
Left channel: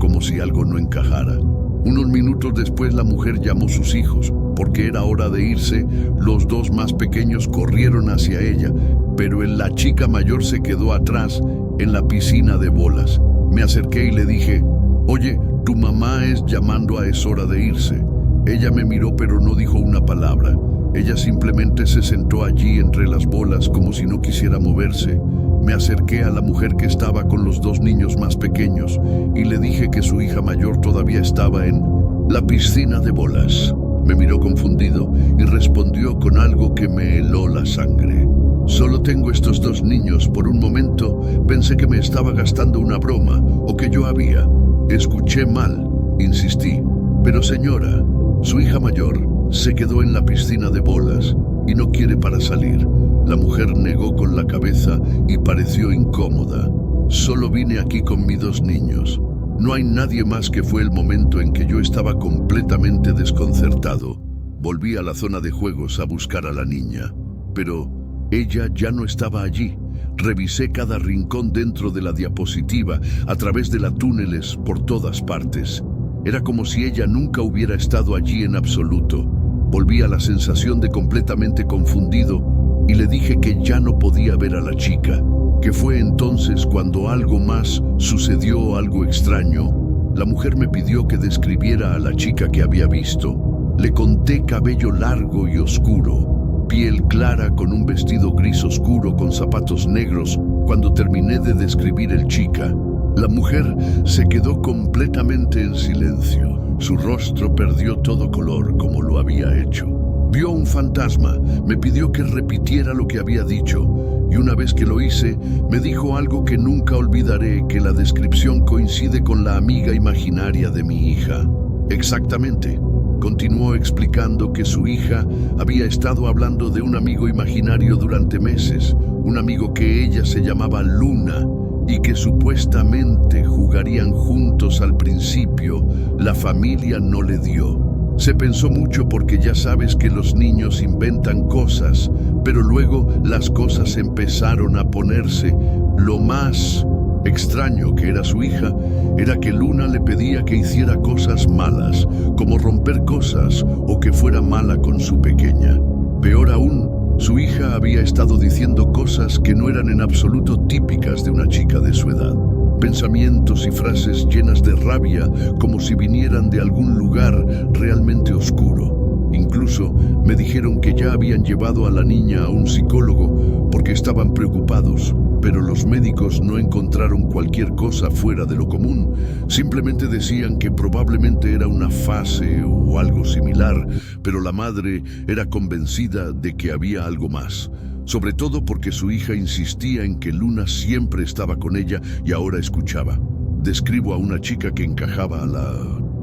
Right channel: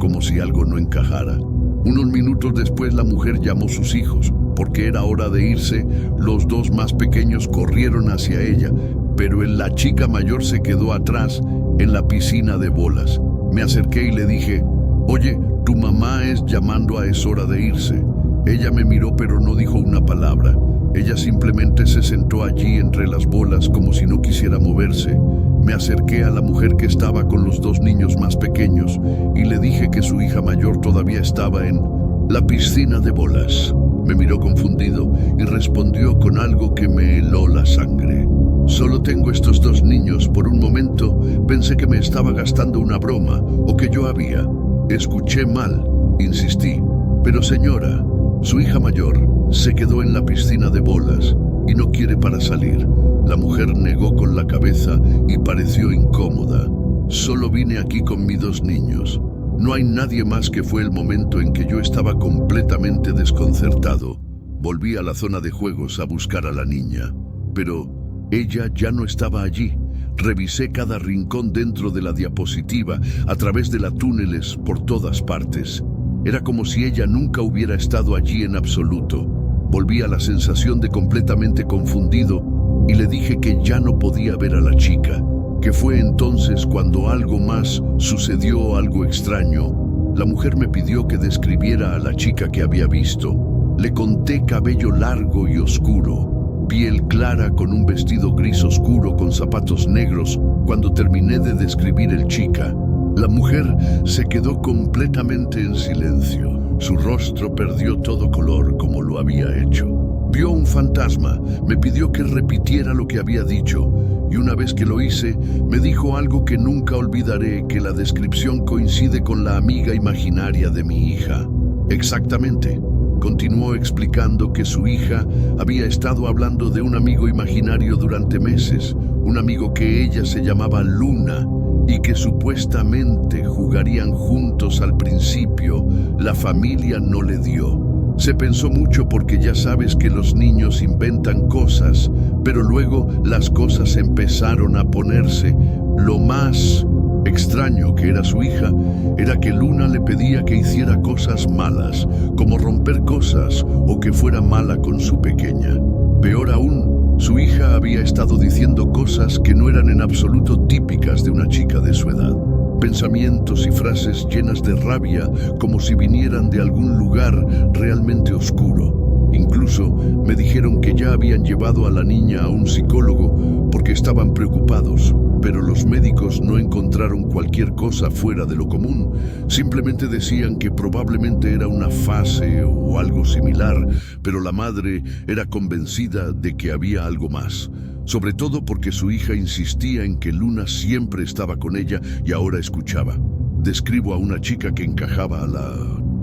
como si algo no encajara. Unos minutos después la mujer llamó a sus hijos, porque era hora de irse. Los 2 más pequeños corrieron hacia ella, pero la chica mayor se quedó atrás en la piscina de bolas. Me acerqué y le dije: «Oye, tu mamá es llamando, es hora de irse». Ella me miró pero no dijo una palabra. Ella simplemente se sentó allí entre las bolas como si no quisiera moverse. Me acerqué a la mujer que estaba con los 2 niños más pequeños y le dije que su hija mayor todavía estaba en la piscina de bolas. Me miró confundido y respondió con algo que me heló la sangre: «Solo tengo estos 2 niños». Por un momento pensé que me estaba gastando una broma o que yo había escuché mal. Insistí: «Pero señora, su hija mayor se quedó en la piscina de bolas y no quiere para salir». La mujer negó con la cabeza y pareció incómoda. «Solo vine aquí con mis 2 niños. No hay nadie más». Que fue el momento en que yo estaba completamente desconcertado. Volví a la zona de juegos a buscar a la niña, pero ella ya no estaba allí. Revisé cada rincón dentro de la diapositiva, a través de los túneles, por todas partes. Era como si ella nunca hubiera estado allí en absoluto. Volví a la sensación de completamente confundido y le dije que ya no podía ver a la chica, que fue entonces cuando algo más sucedió, algo extraño. La mujer me pidió que describiera a la chica que había visto. Le conté: cabello largo y oscuro, piel clara con un vestido gris oscuro con zapatos negros. Cuando terminé de describir el chica, la mujer se quedó completamente en silencio. Su rostro perdió todo color como lo había hecho. Vio un fantasma. Me pidió que repitiera lo que había dicho, y una vez que lo hice, me dijo algo que nunca olvidaré: que la descripción coincide con la amiga imaginaria de mi hija. Exactamente. Continuó explicando que su hija había estado hablando de un amigo imaginario durante meses, un amigo que ella se llamaba Luna, y que supuestamente jugarían juntos. Al principio, la familia no le dio. Se pensó mucho porque ya sabes que los niños inventan cosas, pero luego las cosas empezaron a ponerse. Lo más extraño que era su hija era que Luna le pedía que hiciera cosas malas, como romper cosas o que fuera mala con su pequeña. Peor aún, su hija había estado diciendo cosas que no eran en absoluto típicas de una chica de su edad. Pensamientos y frases llenas de rabia, como si vinieran de algún lugar realmente oscuro. Incluso me dijeron que ya habían llevado a la niña a un psicólogo porque estaban preocupados, pero los médicos no encontraron cualquier cosa fuera de lo común. Simplemente decían que probablemente era una fase o algo similar, pero la madre era convencida de que había algo más. Sobre todo porque su hija insistía en que Luna siempre estaba con ella y ahora escuchaba. Describo a una chica que encajaba a la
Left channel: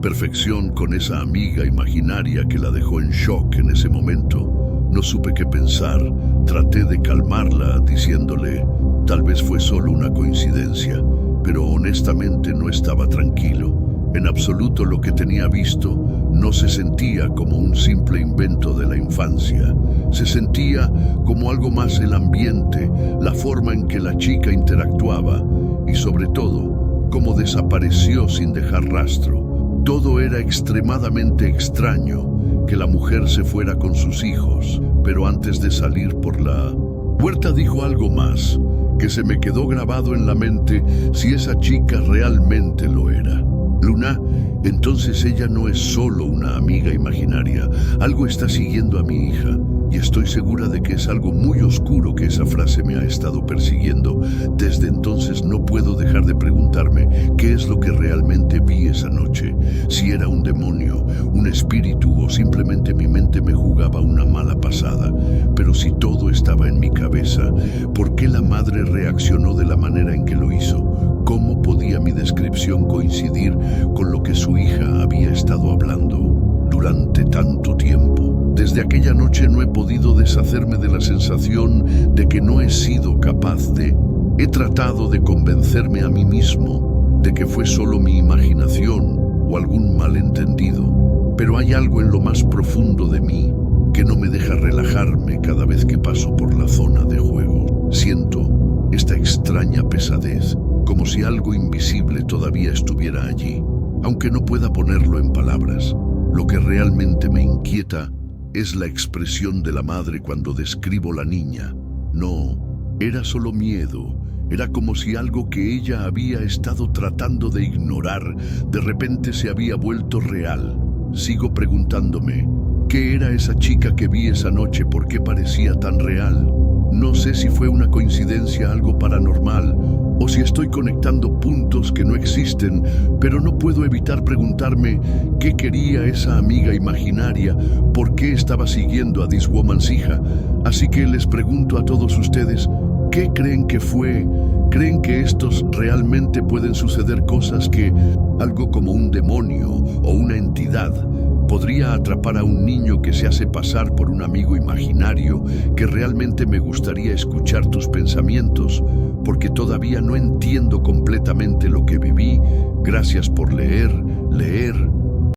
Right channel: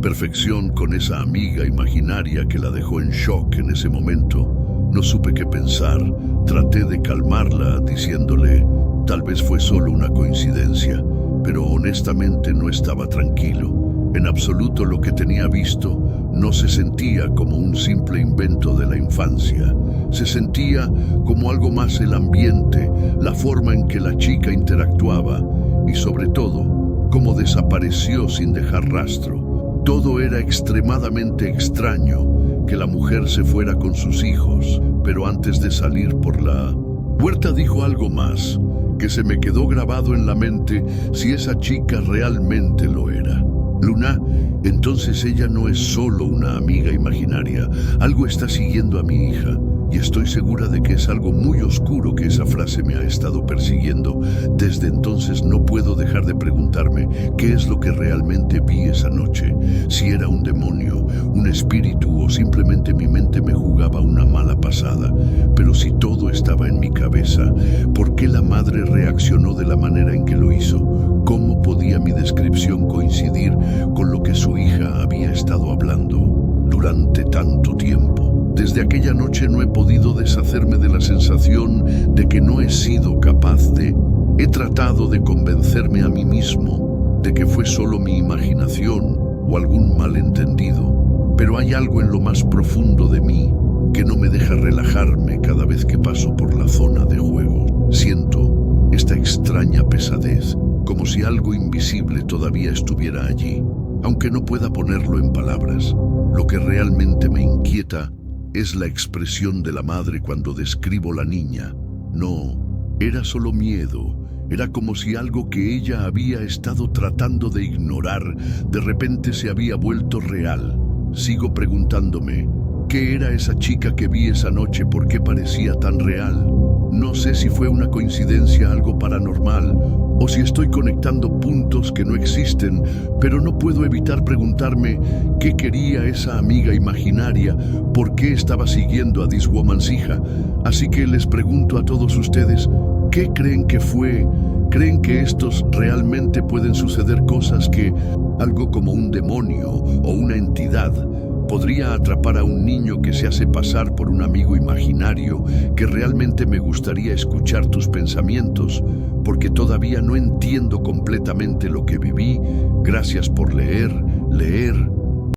perfección con esa amiga imaginaria que la dejó en shock en ese momento. No supe qué pensar. Traté de calmarla diciéndole, tal vez fue solo una coincidencia, pero honestamente no estaba tranquilo. En absoluto lo que tenía visto no se sentía como un simple invento de la infancia. Se sentía como algo más el ambiente, la forma en que la chica interactuaba y sobre todo, cómo desapareció sin dejar rastro. Todo era extremadamente extraño, que la mujer se fuera con sus hijos, pero antes de salir por la puerta dijo algo más, que se me quedó grabado en la mente si esa chica realmente lo era. Luna, entonces ella no es solo una amiga imaginaria, algo está siguiendo a mi hija. Y estoy segura de que es algo muy oscuro que esa frase me ha estado persiguiendo. Desde entonces no puedo dejar de preguntarme qué es lo que realmente vi esa noche. Si era un demonio, un espíritu o simplemente mi mente me jugaba una mala pasada. Pero si todo estaba en mi cabeza, ¿por qué la madre reaccionó de la manera en que lo hizo? ¿Cómo podía mi descripción coincidir con lo que su hija había estado hablando durante tanto tiempo? Desde aquella noche no he podido deshacerme de la sensación de que no he sido capaz de... He tratado de convencerme a mí mismo de que fue solo mi imaginación o algún malentendido, pero hay algo en lo más profundo de mí que no me deja relajarme cada vez que paso por la zona de juego. Siento esta extraña pesadez, como si algo invisible todavía estuviera allí, aunque no pueda ponerlo en palabras. Lo que realmente me inquieta es la expresión de la madre cuando describo la niña. No, era solo miedo. Era como si algo que ella había estado tratando de ignorar, de repente se había vuelto real. Sigo preguntándome, ¿qué era esa chica que vi esa noche? ¿Por qué parecía tan real? No sé si fue una coincidencia, algo paranormal, o si estoy conectando puntos que no existen, pero no puedo evitar preguntarme qué quería esa amiga imaginaria, por qué estaba siguiendo a This Woman's hija. Así que les pregunto a todos ustedes, ¿qué creen que fue? ¿Creen que estos realmente pueden suceder cosas que algo como un demonio o una entidad podría atrapar a un niño que se hace pasar por un amigo imaginario? Que realmente me gustaría escuchar tus pensamientos, porque todavía no entiendo completamente lo que viví. Gracias por leer